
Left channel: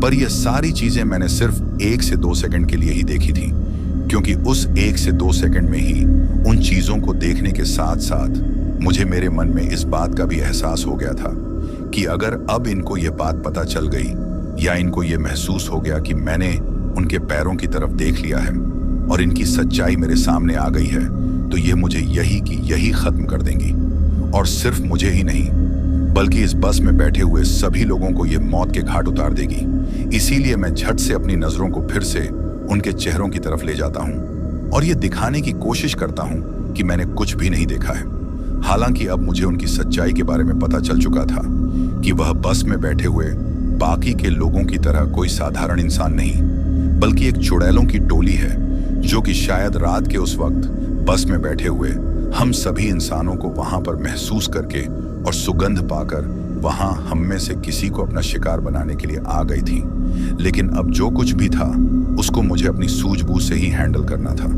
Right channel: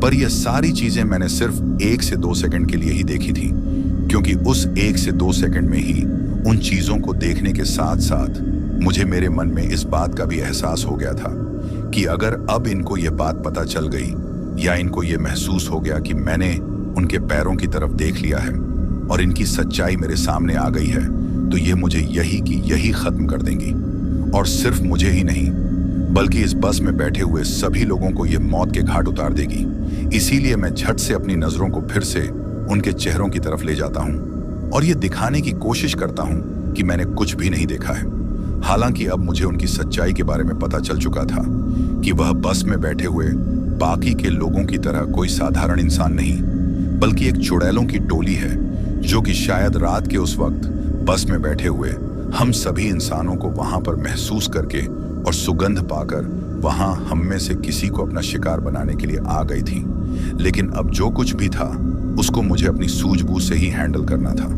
पर यह सारी चीजें मैंने सिर्फ 1 से 2 सेकंड के लिए ही देखी थी, क्योंकि उस 1 से 2 सेकंड में ही उन चीजों को देखने के साथ साथ मुझे मेरे मन में इस बात का भी एहसास हो गया था कि अगर अब इनको यह बात पता चल गई या इनको यह महसूस हो गया कि मैंने उनके पैरों की तरफ देख लिया है और इनकी सच्चाई मेरे सामने आ गई है, तो ये मुझे यही की यही खत्म कर देंगी। और सिर्फ मुझे ही नहीं बल्कि इस बस में बैठे हुए सभी लोगों को ये मौत के घाट उतार देगी। इसीलिए मैं झट से अपनी नजरों को फिर से उनके चेहरों की तरफ ले जाता हूँ और ये दिखाने की कोशिश करता हूँ कि मैंने कुछ भी नहीं देखा है। हालांकि अब मुझे उनकी सच्चाई के बारे में पता चल चुका था कि वह बस में बैठे हुए बाकी के लोगों की तरह कोई साधारण इंसान नहीं, बल्कि एक चुड़ैलों की टोली है जो कि शायद रात के उस वक्त बस में बैठे हुए हम सभी इंसानों को वहां पर महसूस करके और सुगंध पाकर वहां हम में से किसी को अपना शिकार बनाने के लिए आ गई थी। लेकिन अब जो कुछ भी था उसको मुझे अपनी सूझबूझ से ही हैंडल करना था।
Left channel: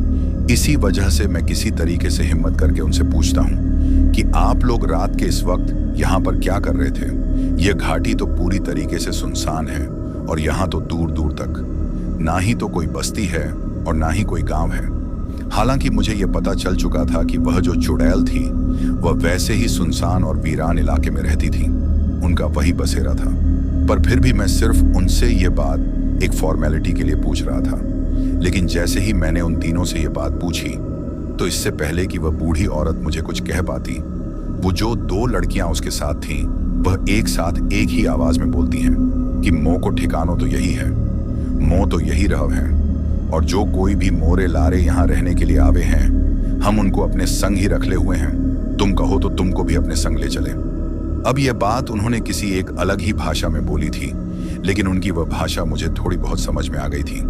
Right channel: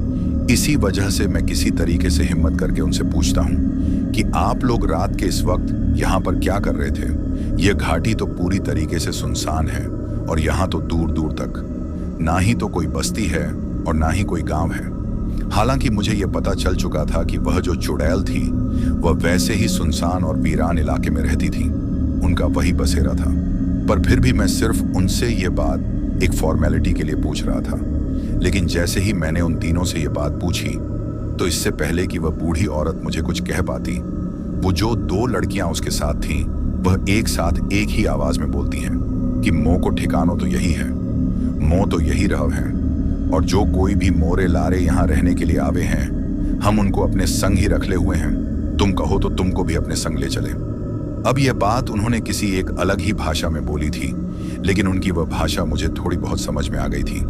इसी वजह से मैं किसी तरीके से हिम्मत करके उनसे पूछता हूँ कि आप लोग रात के इस वक्त यहाँ पर क्या कर रहे थे? यह घाटी तो पूरी तरीके से सुनसान है और यहाँ तो दूर दूर तक ना ही तो कोई बस्ती है और ना ही कोई गांव है। हालांकि मुझे यह पता चल चुका था कि वह जो चुड़ैल थी वह वैसे ही सुनसान और वीरान इलाके में रहती थी, उनका वही बसेरा था। पर फिर भी मैं सिर्फ उनसे यह बात एक फॉर्मेलिटी के लिए पूछ रहा था। लेकिन जैसे ही मैंने उन तीनों से यह बात पूछी तो इससे पहले कि वह बूढ़ी औरत मुझे कुछ कह पाती, वो जो 2 लड़कियां उसके साथ थीं वह एक साथ एक ही आवाज में बोलती हैं कि मोह को ठिकानो तो यही है, मोह तो यही रह है, और जो कोई भी मोरे लारे यहाँ रहने के लिए आवे हैं हम उनको अपने संग ही रख ले हुए हैं, तुम कहो तो तुमको भी अपने संग ले चले। अब यह बात उन्होंने किसी एक अलग ही भाषा में बोली थी, लेकिन उनकी वह भाषा मुझे थोड़ी बहुत समझ में आ गई थी।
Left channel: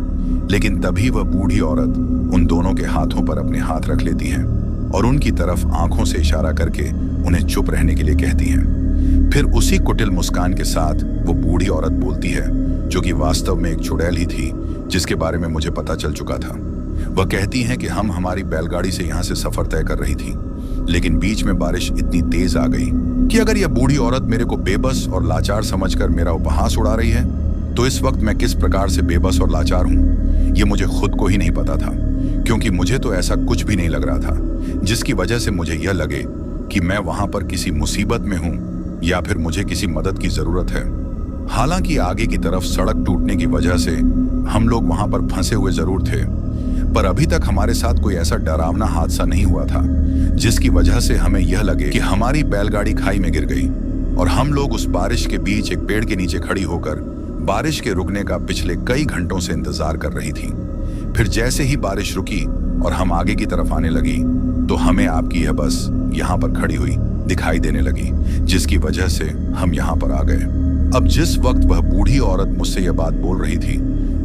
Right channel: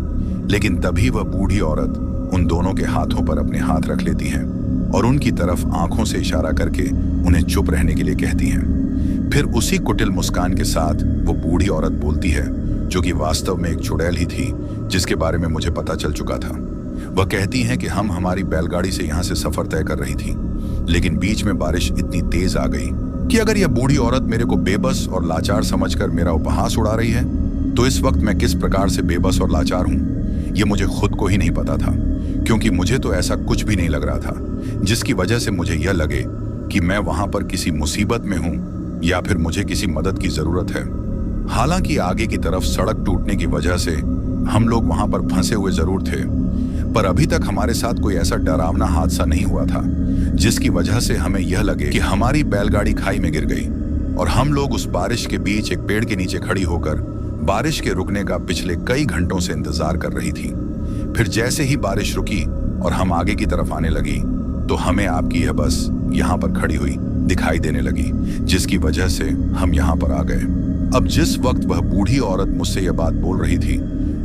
लेकिन तभी वह बूढ़ी औरत उन दोनों के हाथों पर अपने हाथ रख लेती है और उनकी तरफ आंखों से इशारा करके उन्हें चुप रहने के लिए कहती हैं। फिर उसी कुटिल मुस्कान के साथ वो बूढ़ी औरत बोलती है, जो कि वास्तव में एक चुड़ैल ही थी जिसके बारे में मुझे पता चल चुका था। वह कहती हैं कि हम हमारी बैलगाड़ी से यहाँ से सफर तय कर रही थी, लेकिन बीच में बारिश इतनी तेज आ गई कि अगर यह बूढ़ी औरत मेरे को बेबस और लाचार समझकर मेरा उपहास उड़ा रही है तो इस वक्त मैं किस प्रकार से बेबस और लाचार हूँ ये मुझे खुद को ही नहीं पता था, क्योंकि मुझे तो ऐसा कुछ भी नहीं लग रहा था जिसकी वजह से मुझे यह लगे कि मैं वहां पर किसी मुसीबत में हूं या फिर मुझे किसी मदद की जरूरत है। हालांकि आगे की तरफ सड़क टूटने की वजह से हम लोग वहां पर फंसे हुए जरूर थे, पर अभी तक हमारे साथ कोई ऐसा डरावना हादसा नहीं हुआ था जिसकी वजह से हमें यह लगे कि हमारी बैलगाड़ी खाई में गिर गई और हम लोग उस बारिश के बीच एक पेड़ के नीचे खड़ी होकर बारिश के रुकने का पिछले कई घंटों से इंतजार कर रही थी। फिर जैसे ही बारिश रुकी और हम आगे की तरफ आने लगी तो हमें आपकी यह बस यहाँ पर खड़ी हुई दिखाई देने लगी, जिसकी वजह से हम यहाँ पर आ गए। अब जिस वक्त वह बूढ़ी औरत मुझसे यह बात बोल रही थी,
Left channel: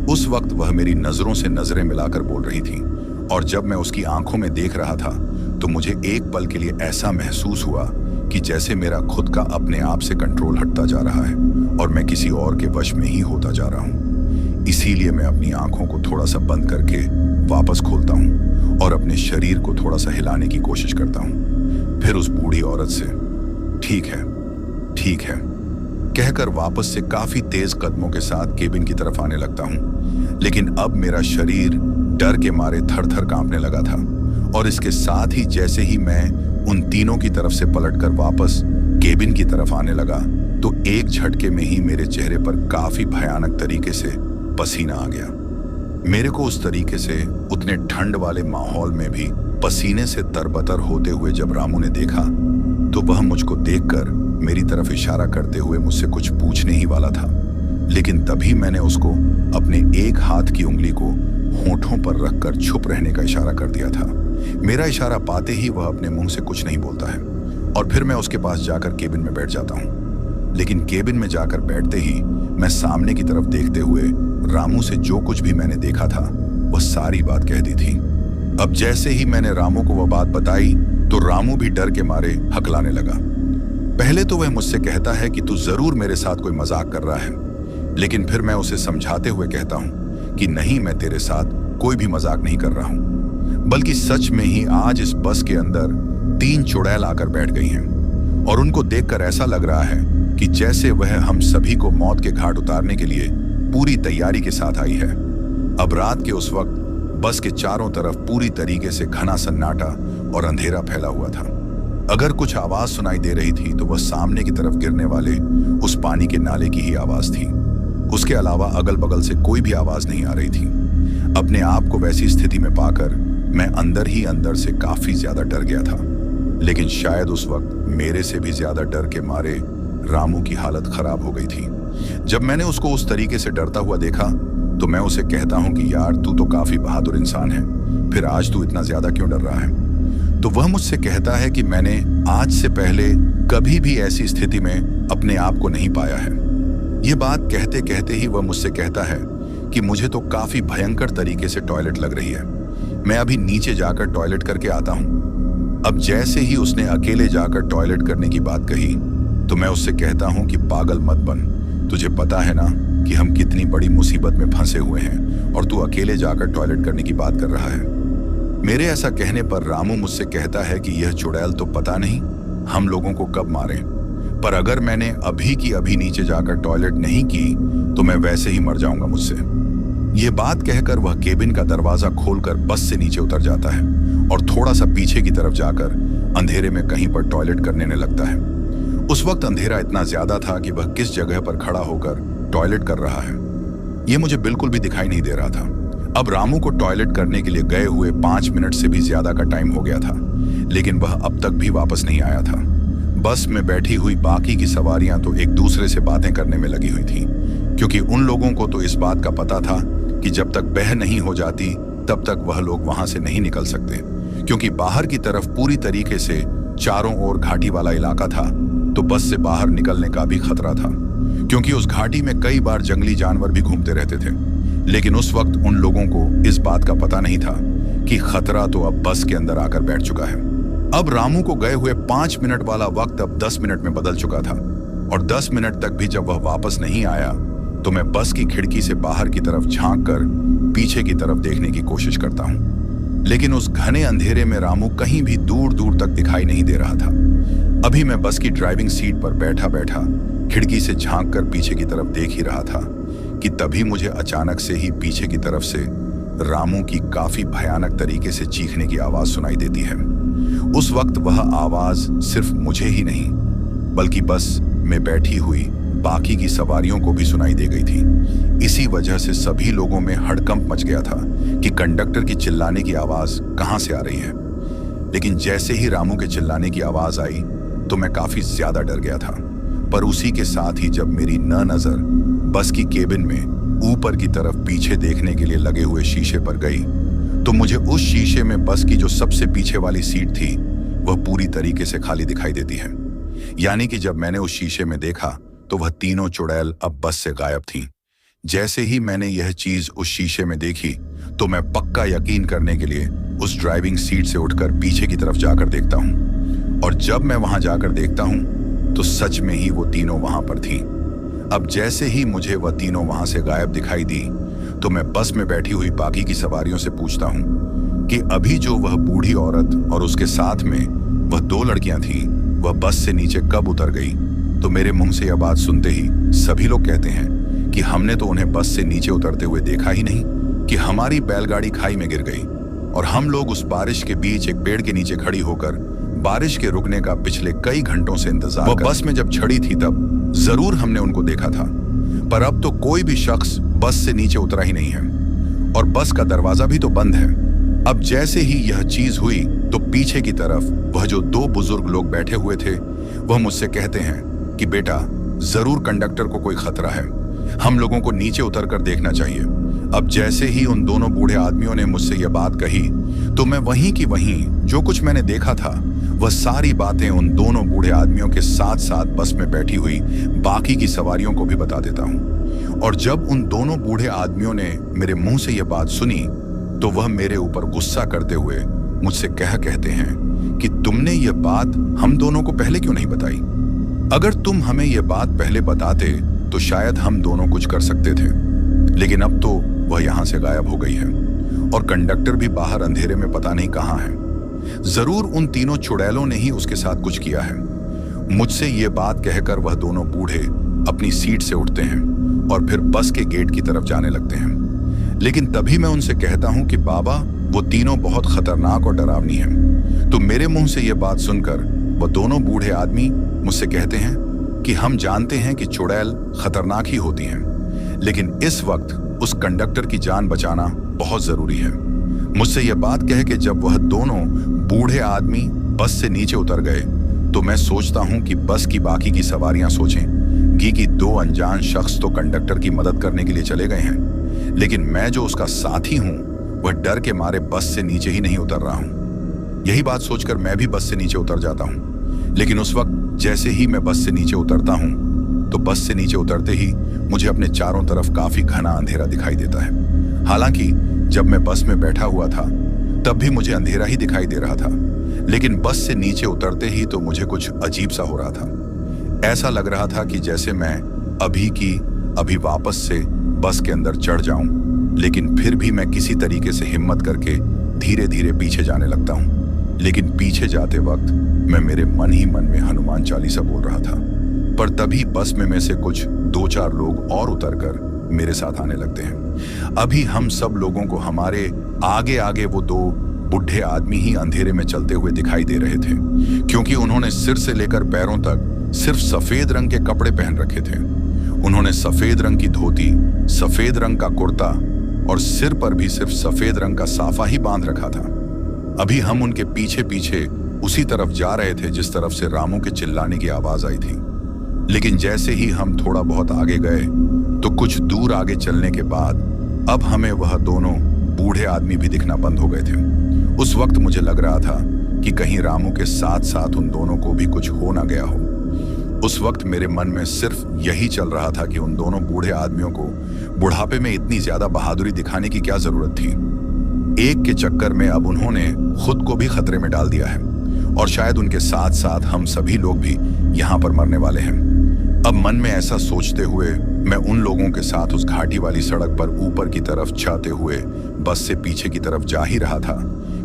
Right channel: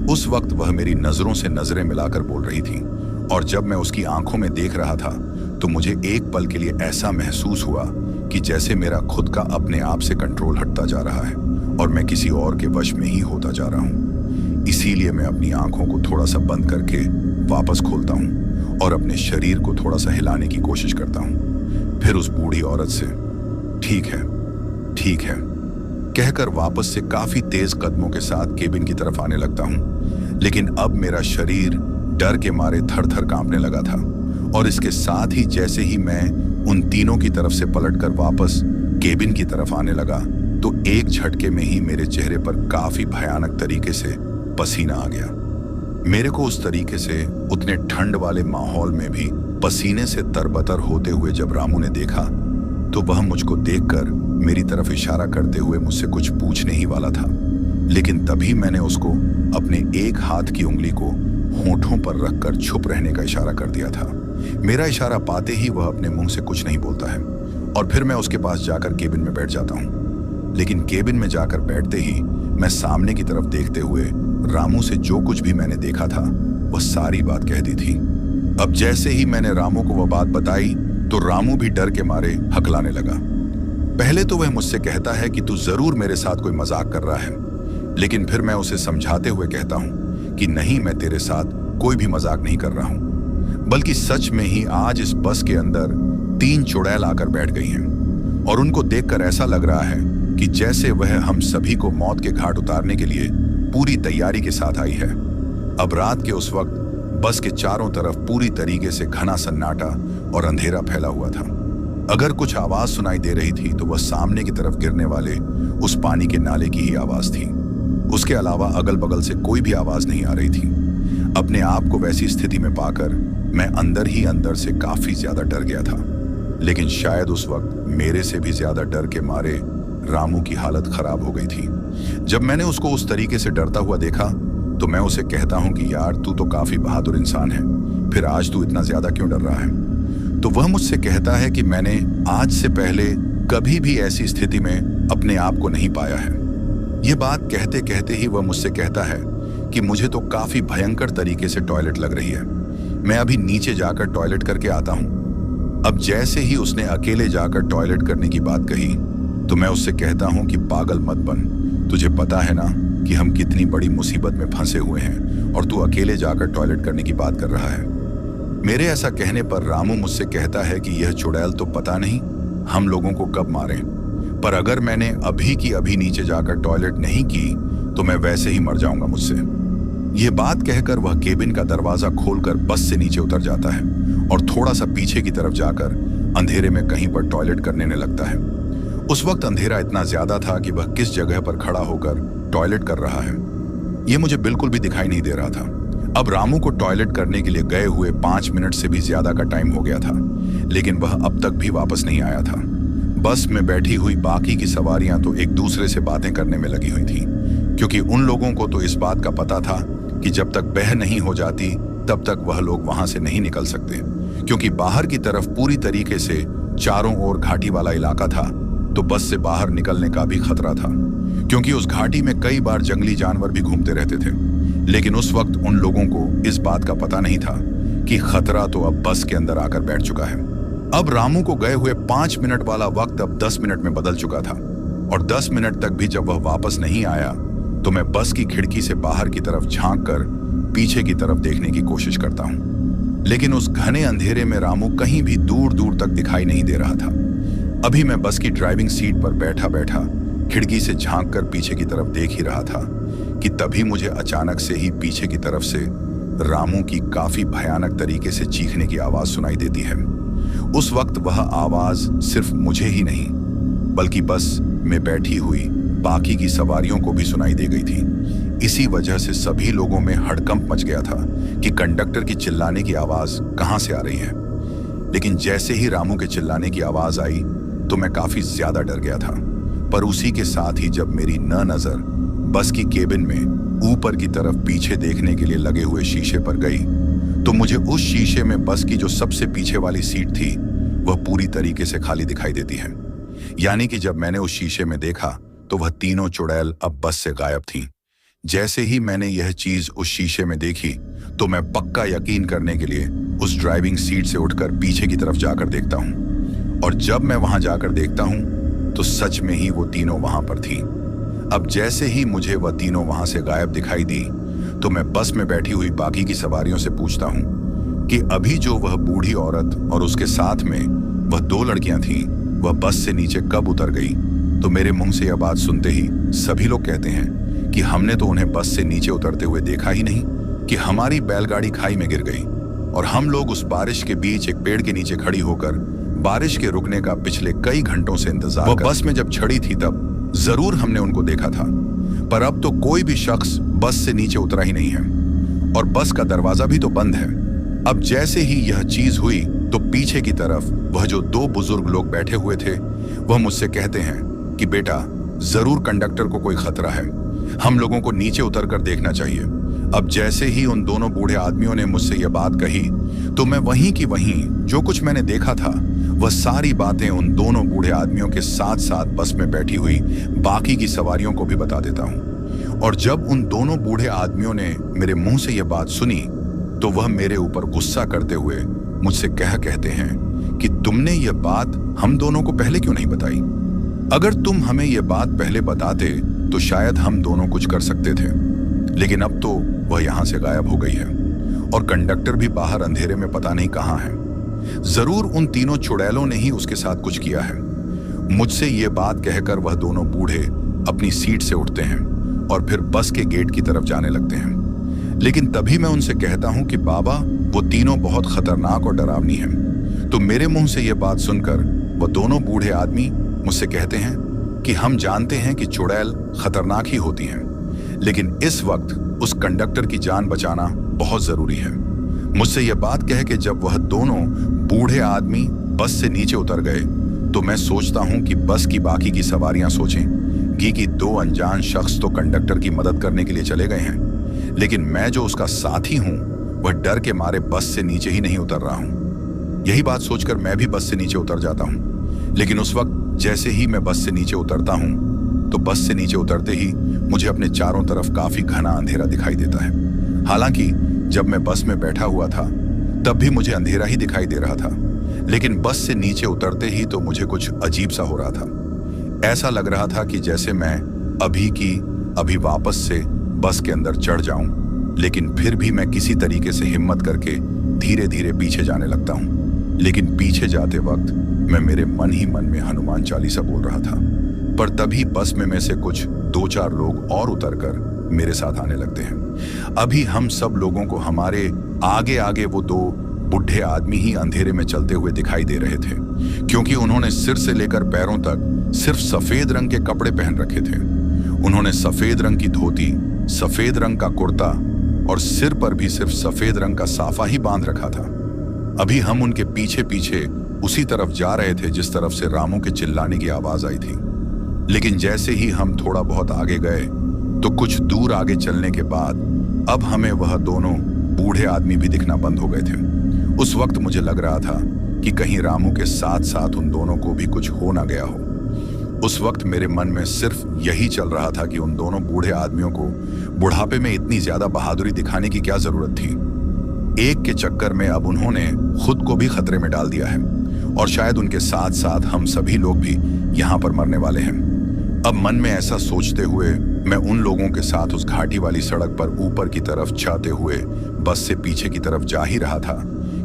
उस वक्त वह मेरी नजरों से नजरें मिलाकर बोल रही थी, और जब मैं उसकी आंखों में देख रहा था तो मुझे एक पल के लिए ऐसा महसूस हुआ कि जैसे मेरा खुद का अपने आप से कंट्रोल हटता जा रहा है और मैं किसी और के वश में ही होता जा रहा हूं। इसीलिए मैं अपनी आंखों को थोड़ा सा बंद करके वापस खोलता हूं और अपने शरीर को थोड़ा सा हिलाने की कोशिश करता हूं। फिर उस बूढ़ी औरत से ठीक है, ठीक है कहकर वापस से काफी तेज कदमों के साथ केबिन की तरफ आने लगता हूं। लेकिन अब मेरा शरीर डर के मारे थर थर कांपने लगा था, और इसके साथ ही जैसे ही मैं उन तीनों की तरफ से पलटकर वापस केबिन की तरफ आने लगा तो एक झटके में ही मेरे चेहरे पर काफी भयानक तरीके से पसीना आ गया। मेरे को उस तरीके से उतने ठंड वाले माहौल में भी पसीने से तरबतर होते हुए जब रामू ने देखा तो वह मुझको देखकर मेरी तरफ इशारा करते हुए मुझसे कुछ पूछने ही वाला था, लेकिन तभी मैंने उसको अपने एक हाथ की उंगली को होठों पर रखकर चुप रहने का इशारा कर दिया था। मेरा इशारा पाते ही वह अपने मुंह से कुछ नहीं बोलता है और फिर मैं उसके पास जाकर केबिन में बैठ जाता हूं। लेकिन केबिन में जाकर बैठते ही मैं सामने की तरफ देखते हुए रामू से जो कुछ भी मैंने देखा था वह सारी बात कह दी थी। अब जैसे ही मैंने रामू को वह बात बताई तो रामू भी डर के मारे हकलाने लगा। पहले तो वह मुझसे कहता है कि तू जरूर मेरे साथ कोई मजाक कर रहा है, लेकिन फिर मैं उसे समझाते हुए कहता हूं कि नहीं, मैं तेरे साथ कोई भी मजाक नहीं कर रहा हूं, बल्कि सच में ही आज इस बस के अंदर 3 चुड़ैल आकर बैठ गई हैं और उनको देखकर ऐसा लग रहा है कि जैसे वह हम सभी को मौत के घाट उतारने के लिए पूरी तैयारी के साथ आई है। अब रात के उस वक्त बस के चारों तरफ पूरी तरीके से घना सन्नाटा और अंधेरा फैला हुआ था। अगर कुछ आवाज सुनाई दे रही थी तो वह सामने की तरफ गिरने वाले उस पानी के नाले की ही आवाज थी। उसके अलावा अगल बगल से कोई भी आवाज नहीं आ रही थी। अपने आप को वैसी स्थिति में पाकर मैं अंदर ही अंदर से काफी ज्यादा डर गया था, लेकिन शायद उस वक्त मेरे से भी ज्यादा डर के मारे रामू की हालत खराब हो गई थी। जब मैंने उसको उस तरीके से डरता हुआ देखा तो मैं उसे कहता हूं कि यार, तू तो काफी बहादुर इंसान है, फिर आज तू इतना ज्यादा क्यों डर रहा है? तो वह मुझसे कहता है कि मैंने आज से पहले कभी भी ऐसी स्थिति में अपने आप को नहीं पाया है। यह बात कहते कहते ही वह मुझसे कहता है कि मुझे तो काफी भयंकर तरीके से टॉयलेट लग रही है, मैं अभी नीचे जाकर टॉयलेट करके आता हूं। अब जैसे ही उसने अकेले जाकर टॉयलेट करने की बात कही तो मैं उससे कहता हूं कि पागल मत बन, तुझे पता है ना कि हम कितनी बड़ी मुसीबत में फंसे हुए हैं और तू अकेले जाकर टॉयलेट करने की बात कर रहा है। मेरे ऐसा कहने पर रामू मुझसे कहता है कि यह चुड़ैल तो पता नहीं हम लोगों को कब मारे, पर अगर मैंने अभी की अभी नीचे जाकर टॉयलेट नहीं की तो मैं वैसे ही मर जाऊंगा मुझसे। यह बात कहकर वह केबिन का दरवाजा खोलकर बस से नीचे उतर जाता है और थोड़ा सा पीछे की तरफ जाकर अंधेरे में कहीं पर टॉयलेट करने लगता है। उस वक्त अंधेरा इतना ज्यादा था कि वह किस जगह पर खड़ा होकर टॉयलेट कर रहा है यह मुझे बिल्कुल भी दिखाई नहीं दे रहा था। अब रामू को टॉयलेट करने के लिए गए हुए 5 मिनट से भी ज्यादा का टाइम हो गया था, लेकिन वह अब तक भी वापस नहीं आया था। बस में बैठी हुई बाकी की सवारियां तो एक दूसरे से बातें करने में लगी हुई थीं, क्योंकि उन लोगों को तो इस बात का पता था कि जब तक बह नहीं हो जाती तब तक वह लोग वहां से नहीं निकल सकते, क्योंकि बाहर की तरफ पूरी तरीके से चारों ओर घाटी वाला इलाका था, तो बस से बाहर निकलने का भी खतरा था, क्योंकि उस घाटी में कई बार जंगली जानवर भी घूमते रहते थे। लेकिन उस वक्त उन लोगों को इस बात का पता नहीं था कि खतरा तो अब बस के अंदर आकर बैठ चुका है। अब रामू को गए हुए 5 मिनट वाला वक्त अब 10 मिनट में बदल चुका था, और 10 मिनट तक भी जब वह वापस नहीं आया तो मैं बस की खिड़की से बाहर की तरफ झांक कर पीछे की तरफ देखने की कोशिश करता हूं, लेकिन उस घने अंधेरे में रामू कहीं भी दूर दूर तक दिखाई नहीं दे रहा था। अभी मैं बस की ड्राइविंग सीट पर बैठा बैठा खिड़की से झांक कर पीछे की तरफ देख ही रहा था कि तभी मुझे अचानक से ही पीछे की तरफ से रामू की काफी भयानक तरीके से चीखने की आवाज सुनाई देती है। उस वक्त वह आवाज सिर्फ मुझे ही नहीं बल्कि बस में बैठी हुई बाकी की सवारियों को भी सुनाई दे गई थी। इसी वजह से सभी लोगों में हड़कंप मच गया था कि कंडक्टर की चिल्लाने की आवाज कहां से आ रही है। लेकिन जैसे ही रामू के चिल्लाने की आवाज आई तो मैं काफी ज्यादा डर गया था, पर उसी के साथ ही जब मेरी नजर बस की केबिन में ऊपर की तरफ पीछे देखने के लिए लगे हुए शीशे पर गई तो मुझे उस शीशे में बस की जो सबसे पीछे वाली सीट थी वह पूरी तरीके से खाली दिखाई देती है। यानी कि जब मैंने उस शीशे में देखा तो वह तीनों चुड़ैल अब बस से गायब थीं। जैसे ही मैंने यह चीज उस शीशे में देखी तो मैं पक्का यकीन करने के लिए उस ड्राइविंग सीट से उठकर पीछे की तरफ जाकर देखता हूं। और जब मैं वहां जाकर देखता हूं तो सच में ही वो तीनों वहां पर थीं। अब जैसे ही मुझे वह तीनों वहां से गायब दिखाई दी तो मैं बस में बैठी हुई बाकी की सवारियों से पूछता हूं कि अभी जो वह बूढ़ी औरत और उसके साथ में वह 2 लड़कियां थीं, वह बस से नीचे कब उतर गई। तो मेरे मुंह से यह बात सुनते ही सभी लोग कहते हैं कि हमने तो उन्हें बस से नीचे उतरते हुए देखा ही नहीं, कि हमारी बैलगाड़ी खाई में गिर गई और हम लोग उस बारिश के बीच एक पेड़ के नीचे खड़ी होकर बारिश के रुकने का पिछले कई घंटों से इंतजार कर बस में जब चढ़ी थी तब जरूर हमने उनको देखा था, पर अब तो कोई भी शख्स बस से नीचे उतरा ही नहीं है और बस का दरवाजा भी तो बंद है। अब जैसे ही यह चीज हुई तो पीछे की तरफ वह जो 2 बुजुर्ग लोग बैठे हुए थे वह मुझसे कहते हैं कि बेटा, जरूर कंडक्टर को कोई खतरा है, हम लोगों को नीचे उतर कर देखना चाहिए। अब जैसे ही उन दोनों बूढ़े आदमियों ने मुझसे यह बात कही तो मैं वहीं की वहीं जो कुछ मैंने देखा था वह सारी बातें उन दोनों बूढ़े आदमियों के साथ साथ बस में बैठी हुई बाकी की सवारियों को भी बता देता हूं। और जब उन दोनों बूढ़े आदमियों ने मेरे मुंह से यह बात सुनी तो वह मेरे ऊपर गुस्सा करते हुए मुझसे कहते हैं कि तुमने यह बात हम दोनों को पहले क्यों नहीं बताई। अगर तुम हमें यह बात पहले बताते तो शायद हम दोनों कुछ कर सकते थे, लेकिन अब तो वह यहां से गायब हो गई है और कंडक्टर भी बाहर अंधेरे में पता नहीं कहां है। जरूर उन तीनों चुड़ैलों ने ही उसके साथ कुछ किया है। मुझसे ये बात कहकर वह दोनों बूढ़े अपनी सीट से उठते हैं और फिर बस के गेट की तरफ जाने लगते हैं। लेकिन तभी मैं उनसे कहता हूं कि बाबा, वो तीनों बहुत खतरनाक और डरावनी हैं। तो मेरे मुंह से यह बात सुनकर वह दोनों बूढ़े आदमी मुझसे कहते हैं कि हम जानते हैं कि चुड़ैल खतरनाक ही होती हैं, लेकिन इस वक्त उस कंडक्टर की जान बचाना बहुत जरूरी है। मुझसे यह बात कह के जब वह दोनों बूढ़े आदमी बस से नीचे उतर गए तो मैं सोचता हूं कि बस की बाकी की सवारियां सोचेंगी कि 2 अनजान शख्स तो कंडक्टर की मदद करने के लिए चले गए हैं, लेकिन मैं जो उसका साथी हूं वह डर के मारे बस से नीचे ही नहीं उतर रहा हूं। यही बात सोचकर मैं भी बस से नीचे उतर जाता हूं। लेकिन उस वक्त जैसे ही मैं बस से नीचे उतरता हूं तो बस से नीचे उतरते ही मुझे अपने चारों तरफ काफी घना अंधेरा दिखाई देता है। हालांकि जब मैं बस में बैठा हुआ था तब भी मुझे अंधेरा ही दिखाई दे रहा था, लेकिन बस से नीचे उतरते ही तो मुझे कुछ अजीब सा हो रहा था। ऐसा लग रहा था कि जैसे मैं अभी वापस से बस के अंदर चढ़ जाऊं, लेकिन फिर भी मैं किसी तरीके से हिम्मत करके धीरे धीरे पीछे जाने लगता हूं। लेकिन पीछे जाते वक्त मैं मेरे मन ही मन में हनुमान चालीसा बोल रहा था। पर तभी बस में से कुछ 2-4 लोग और उतरकर मेरे साथ आने लगते हैं। अभी हम सब लोगों को हमारे आगे आगे वो 2 बुढ़े आदमी ही अंधेरे में चलते हुए दिखाई दे रहे थे, क्योंकि उन्होंने सिर से लेकर पैरों तक सिर्फ सफेद रंग के कपड़े पहन रखे थे। उन्होंने सफेद रंग की धोती, सफेद रंग का कुर्ता और सिर पर भी सिर्फ सफेद रंग का साफा ही बांध रखा था। अभी हम उनके पीछे पीछे उसी तरफ जा रहे थे जिस तरफ से रामू के चिल्लाने की आवाज आई थी। लेकिन जैसे ही हम थोड़ा बहुत आगे गए तो कुछ दूर आगे चलने के बाद अब हमें वह दोनों बूढ़े आदमी भी दिखना बंद हो गए थे। उस वक्त मुझे लग रहा था कि कहीं रामू के साथ साथ उन दोनों को भी कुछ हो ना गया हो। उस वक्त मेरे मन में सिर्फ यही चल रहा था कि उन दोनों बूढ़े आदमियों को बुढ़ापे में इतनी ज्यादा बहादुरी दिखाने की क्या जरूरत थी। एक के चक्कर में अब उन्होंने खुद को भी खतरे में डाल दिया है और शायद उनके साथ साथ हम सभी लोग भी यहाँ पर मरने वाले हैं। अब मन में ऐसा सोचते हुए मैं उन लोगों के साथ उस घाटी वाली सड़क पर ऊपर की तरफ जाते हुए बस से पीछे की तरफ जा ही रहा था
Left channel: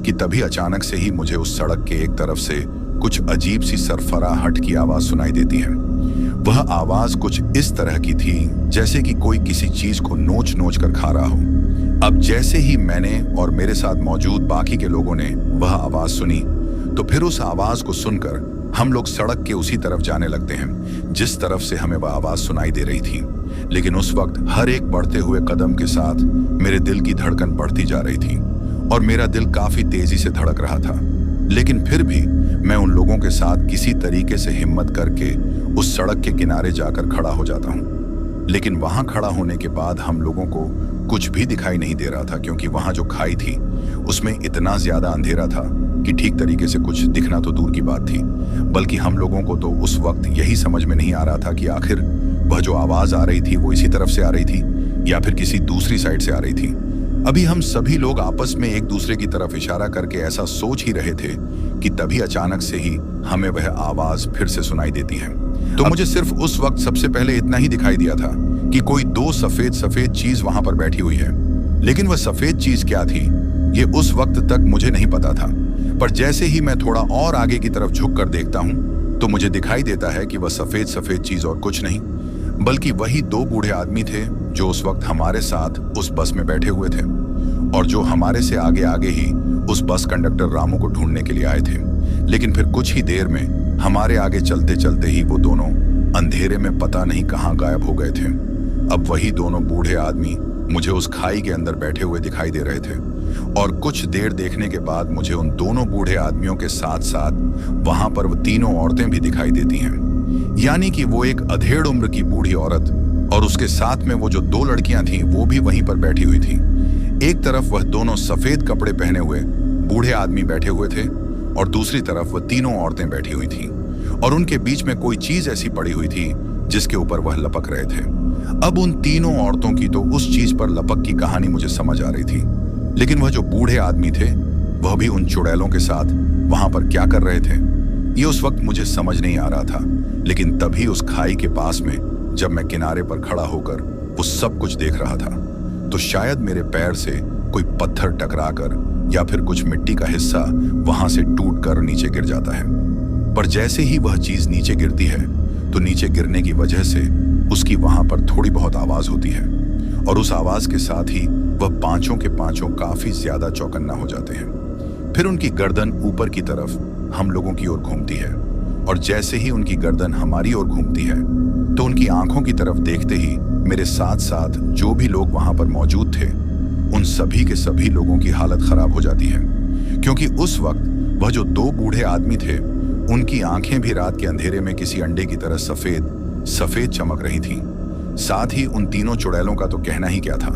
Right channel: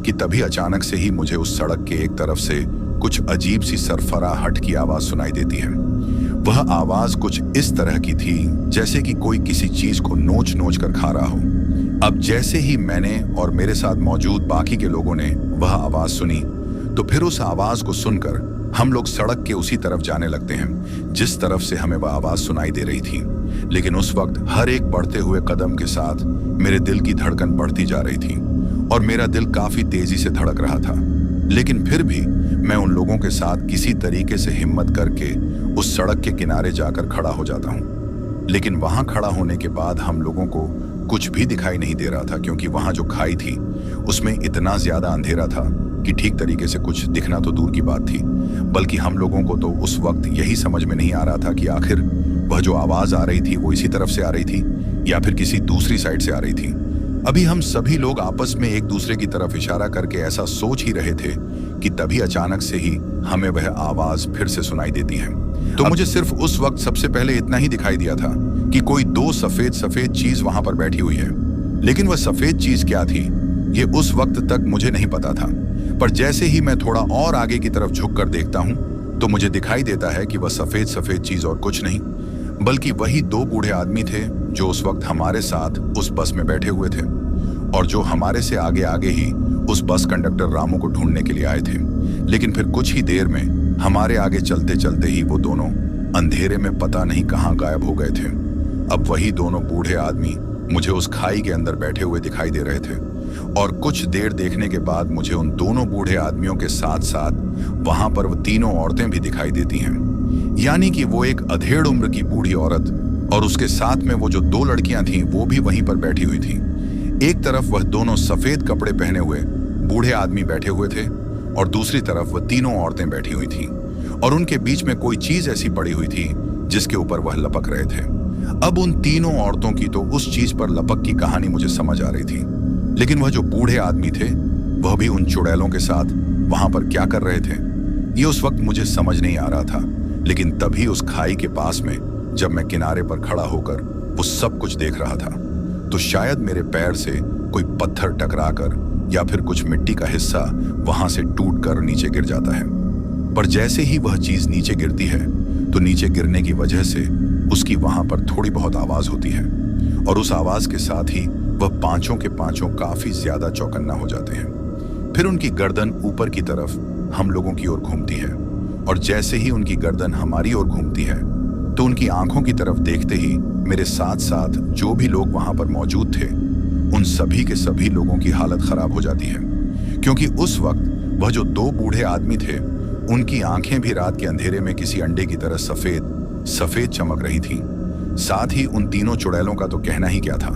कि तभी अचानक से ही मुझे उस सड़क के एक तरफ से कुछ अजीब सी सरफराहट की आवाज सुनाई देती है। वह आवाज कुछ इस तरह की थी जैसे कि कोई किसी चीज को नोच नोच कर खा रहा हो। अब जैसे ही मैंने और मेरे साथ मौजूद बाकी के लोगों ने वह आवाज सुनी तो फिर उस आवाज को सुनकर हम लोग सड़क के उसी तरफ जाने लगते हैं जिस तरफ से हमें वह आवाज सुनाई दे रही थी। लेकिन उस वक्त हर एक बढ़ते हुए कदम के साथ मेरे दिल की धड़कन बढ़ती जा रही थी और मेरा दिल काफी तेजी से धड़क रहा था। लेकिन फिर भी मैं उन लोगों के साथ किसी तरीके से हिम्मत करके उस सड़क के किनारे जाकर खड़ा हो जाता हूँ। लेकिन वहां खड़ा होने के बाद हम लोगों को कुछ भी दिखाई नहीं दे रहा था, क्योंकि वहां जो खाई थी उसमें इतना ज्यादा अंधेरा था कि ठीक तरीके से कुछ दिखना तो दूर की बात थी, बल्कि हम लोगों को तो उस वक्त यही समझ में नहीं आ रहा था कि आखिर वह जो आवाज आ रही थी वो इसी तरफ से आ रही थी या फिर किसी दूसरी साइड से आ रही थी। अभी हम सभी लोग आपस में एक दूसरे की तरफ इशारा करके ऐसा सोच ही रहे थे कि तभी अचानक से ही हमें वह आवाज फिर से सुनाई देती है। तो मुझे सिर्फ उस वक्त सबसे पहले इतना ही दिखाई दिया था कि कोई दो सफेद सफेद चीज वहां पर बैठी हुई है, लेकिन वह सफेद चीज क्या थी ये उस वक्त तक मुझे नहीं पता था। पर जैसे ही मैं थोड़ा और आगे की तरफ झुक कर देखता हूं तो मुझे दिखाई देता है कि वह सफेद सफेद चीज और कुछ नहीं बल्कि वही दो बूढ़े आदमी थे जो उस वक्त हमारे साथ उस बस में बैठे हुए थे और जो हमारे से आगे आगे ही उस बस कंडक्टर रामू को ढूंढने के लिए आए थे। लेकिन फिर कुछ ही देर में हमारे आगे चलते चलते ही वो दोनों अंधेरे में पता नहीं कहां गायब हो गए थे। अब वही दोनों बूढ़े आदमी मुझे उस खाई के अंदर बैठे हुए दिखाई दे रहे थे और कुछ देर देखने के बाद मुझे उन दोनों बूढ़े आदमियों के साथ साथ वहां पर वो तीनों औरतें भी दिखाई देती हैं। यानी कि वो एक अधेड़ उम्र की बूढ़ी औरत और उसके साथ में वो जो दो लड़कियां थीं वो भी वहीं पर बैठी हुई थीं। एक तरफ वह दोनों सफेद कपड़े पहने हुए बूढ़े आदमी बैठे हुए थे और दूसरी तरफ वह तीनों औरतें बैठी हुई थीं और उनके बीच में कोई चीज ऐसी पड़ी हुई थी जिसके ऊपर वह लपक रहे थे। अब उन तीनों औरतों की तो उस चीज पर लपक की कहानी मुझे समझ आ रही थी, लेकिन वह जो बूढ़े आदमी थे वह भी उन चुड़ैलों के साथ वहां पर क्या कर रहे थे ये उस वक्त मुझे समझ नहीं आ रहा था। लेकिन तभी उस खाई के पास में जब मैं किनारे पर खड़ा होकर वो सब कुछ देख रहा था तो शायद मेरे पैर से कोई पत्थर टकराकर या फिर कुछ मिट्टी का हिस्सा वहां से टूट कर नीचे गिर जाता है। पर जैसे ही वह चीज नीचे गिरती है तो नीचे गिरने की वजह से उसकी वहां पर थोड़ी बहुत आवाज होती है और उस आवाज के साथ ही वह पांचों के पांचों काफी ज्यादा चौकन्ना हो जाते हैं। फिर उनकी गर्दन ऊपर की तरफ हम लोगों की ओर घूमती है और जैसे ही उनकी गर्दन हमारी ओर घूमती है तो उनकी आंखों की तरफ देखते ही मेरे साथ साथ जो भी लोग वहां पर मौजूद थे उन सभी के सभी लोगों की हालत खराब हो जाती है, क्योंकि उस वक्त वह जो दो बूढ़े आदमी थे उनकी आंखें भी रात के अंधेरे में किसी अंडे की तरह सफेद सफेद चमक रही थीं। साथ ही उन तीनों चुड़ैलों का तो कहना ही क्या था,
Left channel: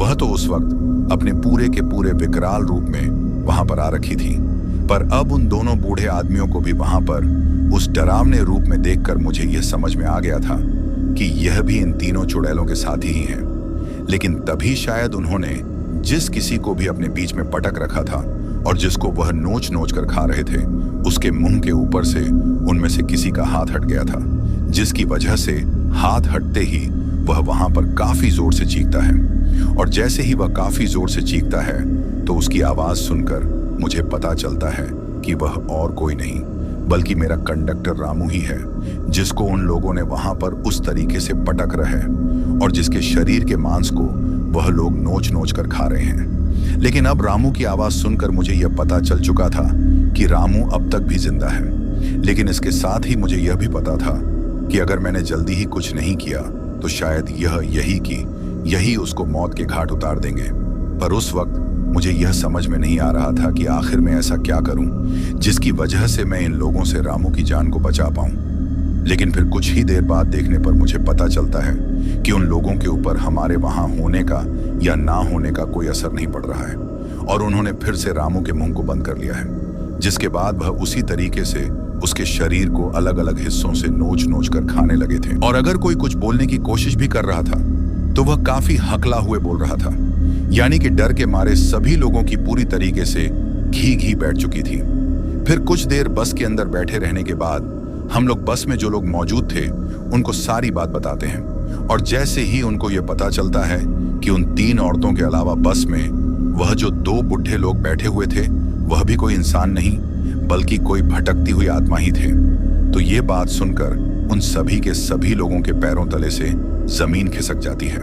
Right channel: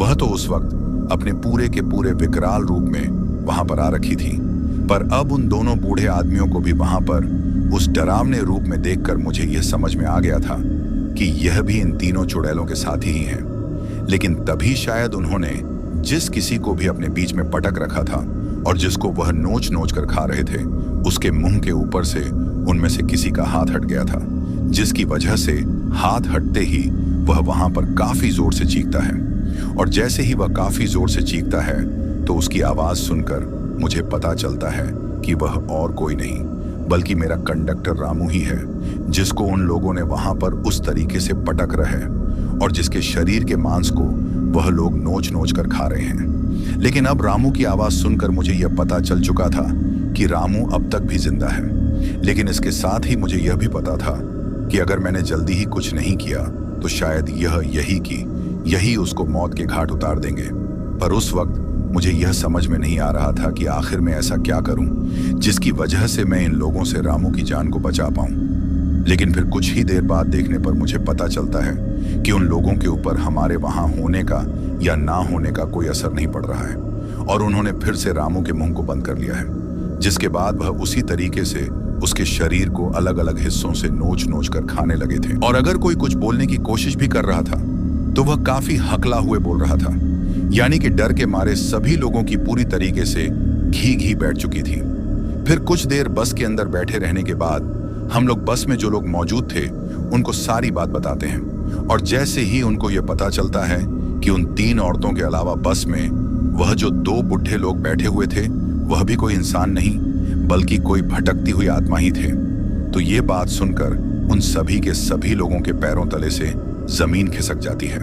वह तो उस वक्त अपने पूरे के पूरे विकराल रूप में वहां पर आ रखी थी। पर अब उन दोनों बूढ़े आदमियों को भी वहां पर उस डरावने रूप में देखकर मुझे यह समझ में आ गया था कि यह भी इन तीनों चुड़ैलों के साथी ही हैं। लेकिन तभी शायद उन्होंने जिस किसी को भी अपने बीच में पटक रखा था और जिसको वह नोच नोच कर खा रहे थे उसके मुंह के ऊपर से उनमें से किसी का हाथ हट गया था, जिसकी वजह से हाथ हटते ही वह वहां पर काफी जोर से चीखता है और जैसे ही वह काफी जोर से चीखता है तो उसकी आवाज सुनकर मुझे पता चलता है कि वह और कोई नहीं बल्कि मेरा कंडक्टर रामू ही है, जिसको उन लोगों ने वहां पर उस तरीके से पटक रहे और जिसके शरीर के मांस को वह लोग नोच नोच कर खा रहे हैं। लेकिन अब रामू की आवाज सुनकर मुझे यह पता चल चुका था कि रामू अब तक भी जिंदा है। लेकिन इसके साथ ही मुझे यह भी पता था कि अगर मैंने जल्दी ही कुछ नहीं किया तो शायद यही उसको मौत के घाट उतार देंगे। पर उस वक्त मुझे यह समझ में नहीं आ रहा था कि आखिर मैं ऐसा क्या करूं जिसकी वजह से मैं इन लोगों से रामू की जान को बचा पाऊं। लेकिन फिर कुछ ही देर बाद देखने पर मुझे पता चलता है कि उन लोगों के ऊपर हमारे वहां होने का या ना होने का कोई असर नहीं पड़ रहा है और उन्होंने फिर से रामू के मुंह को बंद कर लिया है, जिसके बाद वह उसी तरीके से उसके शरीर को अलग अलग हिस्सों से नोच नोच कर खाने लगे थे। और अगर कोई कुछ बोलने की कोशिश भी कर रहा था तो वह काफी हकला हुए बोल रहा था, यानी कि डर के मारे सभी लोगों की पूरी तरीके से घी बैठ चुकी थी। फिर कुछ देर बस के अंदर बैठे रहने के बाद हम लोग बस में जो लोग मौजूद थे उनको सारी बात बताते हैं और जैसे ही उनको यह पता चलता है कि उन तीन औरतों के अलावा बस में वह जो दो बुढ़े लोग बैठे हुए थे वह भी कोई इंसान नहीं बल्कि कोई भटकती हुई आत्मा ही थे, तो ये बात सुनकर उन सभी के सभी लोगों के पैरों तले से जमीन खिसक जाती है।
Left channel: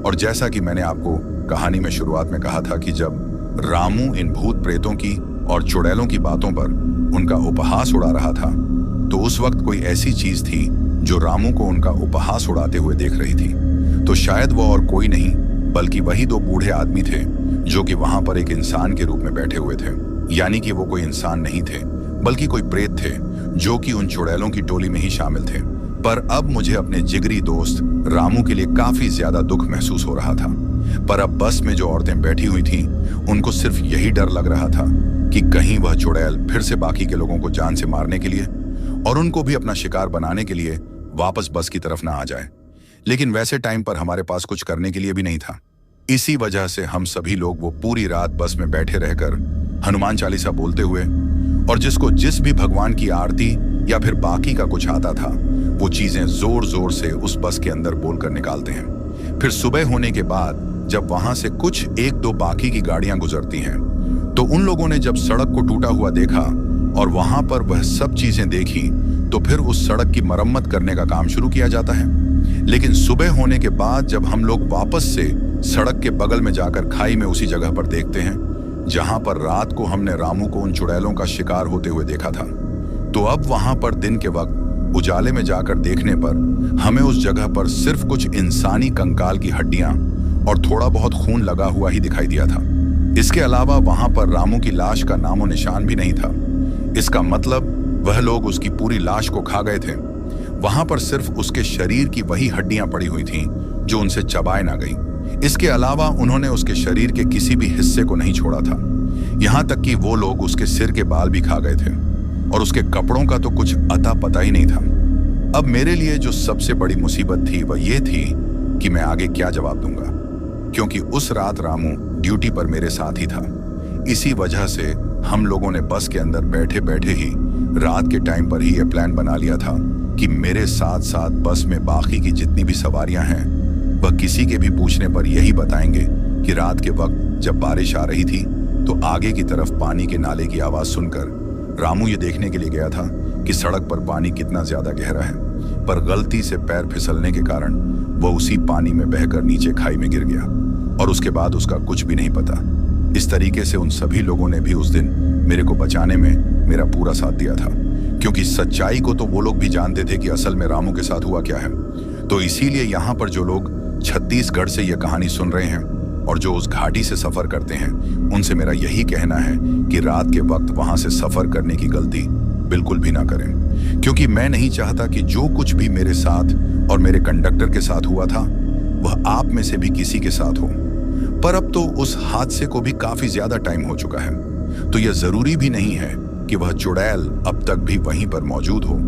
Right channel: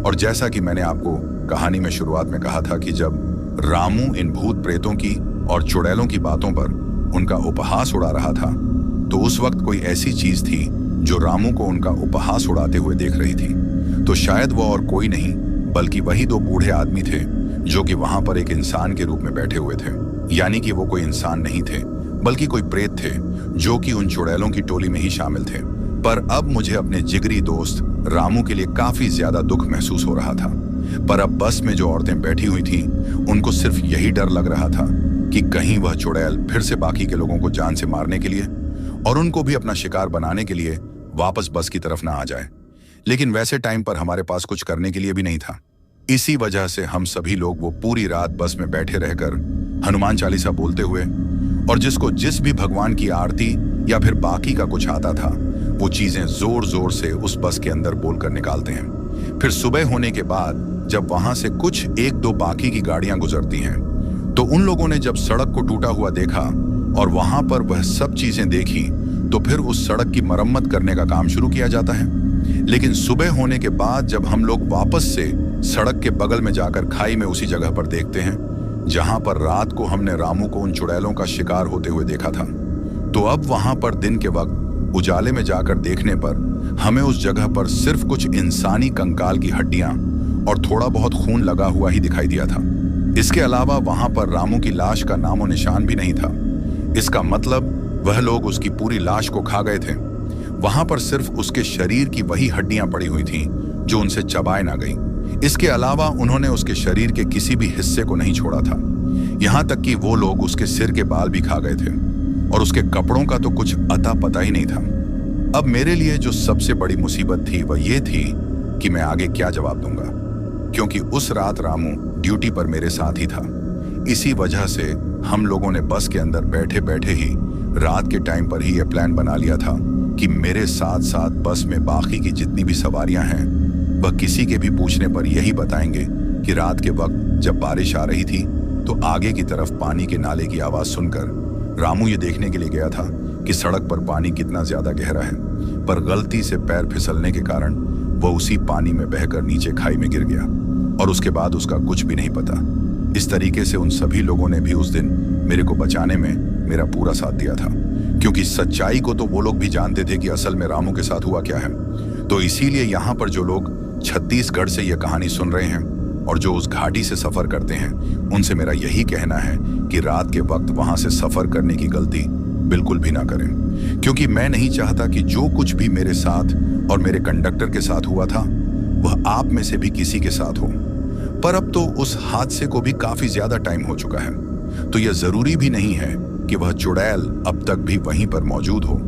और जैसा कि मैंने आपको कहानी में शुरुआत में कहा था कि जब रामू इन भूत प्रेतों की और चुड़ैलों की बातों पर उनका उपहास उड़ा रहा था तो उस वक्त कोई ऐसी चीज थी जो रामू को उनका उपहास उड़ाते हुए देख रही थी। तो शायद वो और कोई नहीं बल्कि वही दो बूढ़े आदमी थे जो कि वहां पर एक इंसान के रूप में बैठे हुए थे, यानी कि वो कोई इंसान नहीं थे बल्कि कोई प्रेत थे जो कि उन चुड़ैलों की टोली में ही शामिल थे। पर अब मुझे अपने जिगरी दोस्त रामू के लिए काफी ज्यादा दुख महसूस हो रहा था। पर अब बस में जो औरतें बैठी हुई थीं, उनको सिर्फ यही डर लग रहा था कि कहीं वह चुड़ैल फिर से बाकी के लोगों को जान से मारने के लिए और उनको भी अपना शिकार बनाने के लिए वापस बस की तरफ ना आ जाए। लेकिन वैसे टाइम पर हमारे पास कुछ करने के लिए भी नहीं था। इसी वजह से हम सभी लोग वो पूरी रात बस में बैठे रहकर हनुमान चालीसा बोलते हुए, और जिसको जिस भी भगवान की आरती या फिर बाकी का कुछ आता था वो चीजें जोर जोर से उस बस के अंदर बोलकर निकालते हैं। फिर सुबह होने के बाद जब वहां से कुछ एक दो बाकी की गाड़ियां गुजरती हैं तो उन लोगों ने जब सड़क को टूटा हुआ देखा और वहां पर वह सब चीजें देखी तो फिर उस सड़क की मरम्मत करने का काम शुरू किया जाता है। लेकिन सुबह होने के बाद जब हम लोग वापस से सड़क के बगल में जाकर खाई में उसी जगह पर देखते हैं जहां पर रात को हमने रामू को उन चुड़ैलों का शिकार होते हुए देखा था, तो अब वहां पर दिन के वक्त उजाले में जाकर देखने पर हमें उस जगह पर सिर्फ कुछ इंसानी कंकाल की हड्डियां और थोड़ा बहुत खून लगा हुआ ही दिखाई दिया था। इसके अलावा वहां पर रामू की लाश का नामो निशान भी नहीं था। इसका मतलब वह लोग उसकी पूरी लाश को खा गए थे। वहां पर सिर्फ उसके शरीर की वही हड्डियां पड़ी हुई थीं जो उनसे चबाए ना गई। इसके अलावा उन्होंने उसके शरीर के किसी भी हिस्से को नहीं छोड़ा था। यहां तक कि वो लोग उसके सिर के बाल भी खा गए थे और उसके कपड़ों का तो कुछ अता पता ही नहीं था। अब मेरे लिए जो सबसे बड़ी मुसीबत थी वह ये थी कि मैं आगे क्या जवाब दूंगा, क्योंकि उस रात रामू ड्यूटी पर मेरे साथ ही था। इसी वजह से हम लोगों ने बस के अंदर बैठे बैठे ही रात के टाइम पर ही यह प्लान बना लिया था कि मेरे साथ साथ बस में बाकी की जितनी भी सवारियां हैं वह किसी के भी पूछने पर यही बताएंगे कि रात के वक्त जब बारिश आ रही थी तो आगे की तरफ पानी के नाले की आवाज सुनकर रामू ये देखने के लिए गया था कि सड़क पर पानी कितना ज्यादा गहरा है, पर गलती से पैर फिसलने के कारण वह उसी पानी में बहकर नीचे खाई में गिर गया और उसके बाद उसका कुछ भी नहीं पता। इस तरीके से उन सभी लोगों ने भी उस दिन मेरे को बचाने में मेरा पूरा साथ दिया था, क्योंकि सच्चाई को तो वो लोग भी जानते थे कि असल में रामू के साथ हुआ क्या है। तो इसीलिए यहाँ पर जो लोग छत्तीसगढ़ से यह कहानी सुन रहे हैं और जो उस घाटी से सफर करते हैं उनसे मेरा यही कहना है कि रात के वक्त वहां से सफर करने की गलती बिल्कुल भी ना करें, क्योंकि मैं नहीं चाहता कि जो कुछ भी मेरे साथ और मेरे कंडक्टर के साथ हुआ था वह आप में से भी किसी के साथ हो। पर अब तो उस हादसे को भी काफी ज्यादा टाइम हो चुका है, तो यह जरूरी भी नहीं है कि वह चुड़ैल अब तक भी वहीं पर मौजूद हो।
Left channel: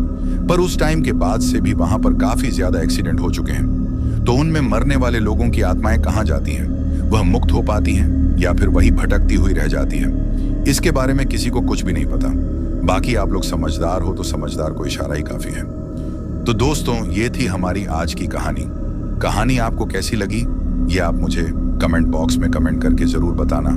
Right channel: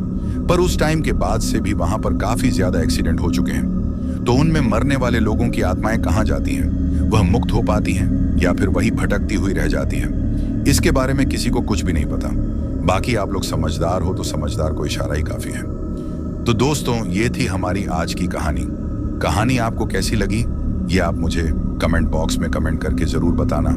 पर उस टाइम के बाद से भी वहां पर काफी ज्यादा एक्सीडेंट हो चुके हैं, तो उनमें मरने वाले लोगों की आत्माएं कहां जाती हैं? वह मुक्त हो पाती हैं या फिर वही भटकती हुई रह जाती है? इसके बारे में किसी को कुछ भी नहीं पता। बाकी आप लोग समझदार हो तो समझदार को इशारा ही काफी है। तो दोस्तों, ये थी हमारी आज की कहानी। आपको कैसी लगी ये आप मुझे कमेंट बॉक्स में कमेंट करके जरूर बताना।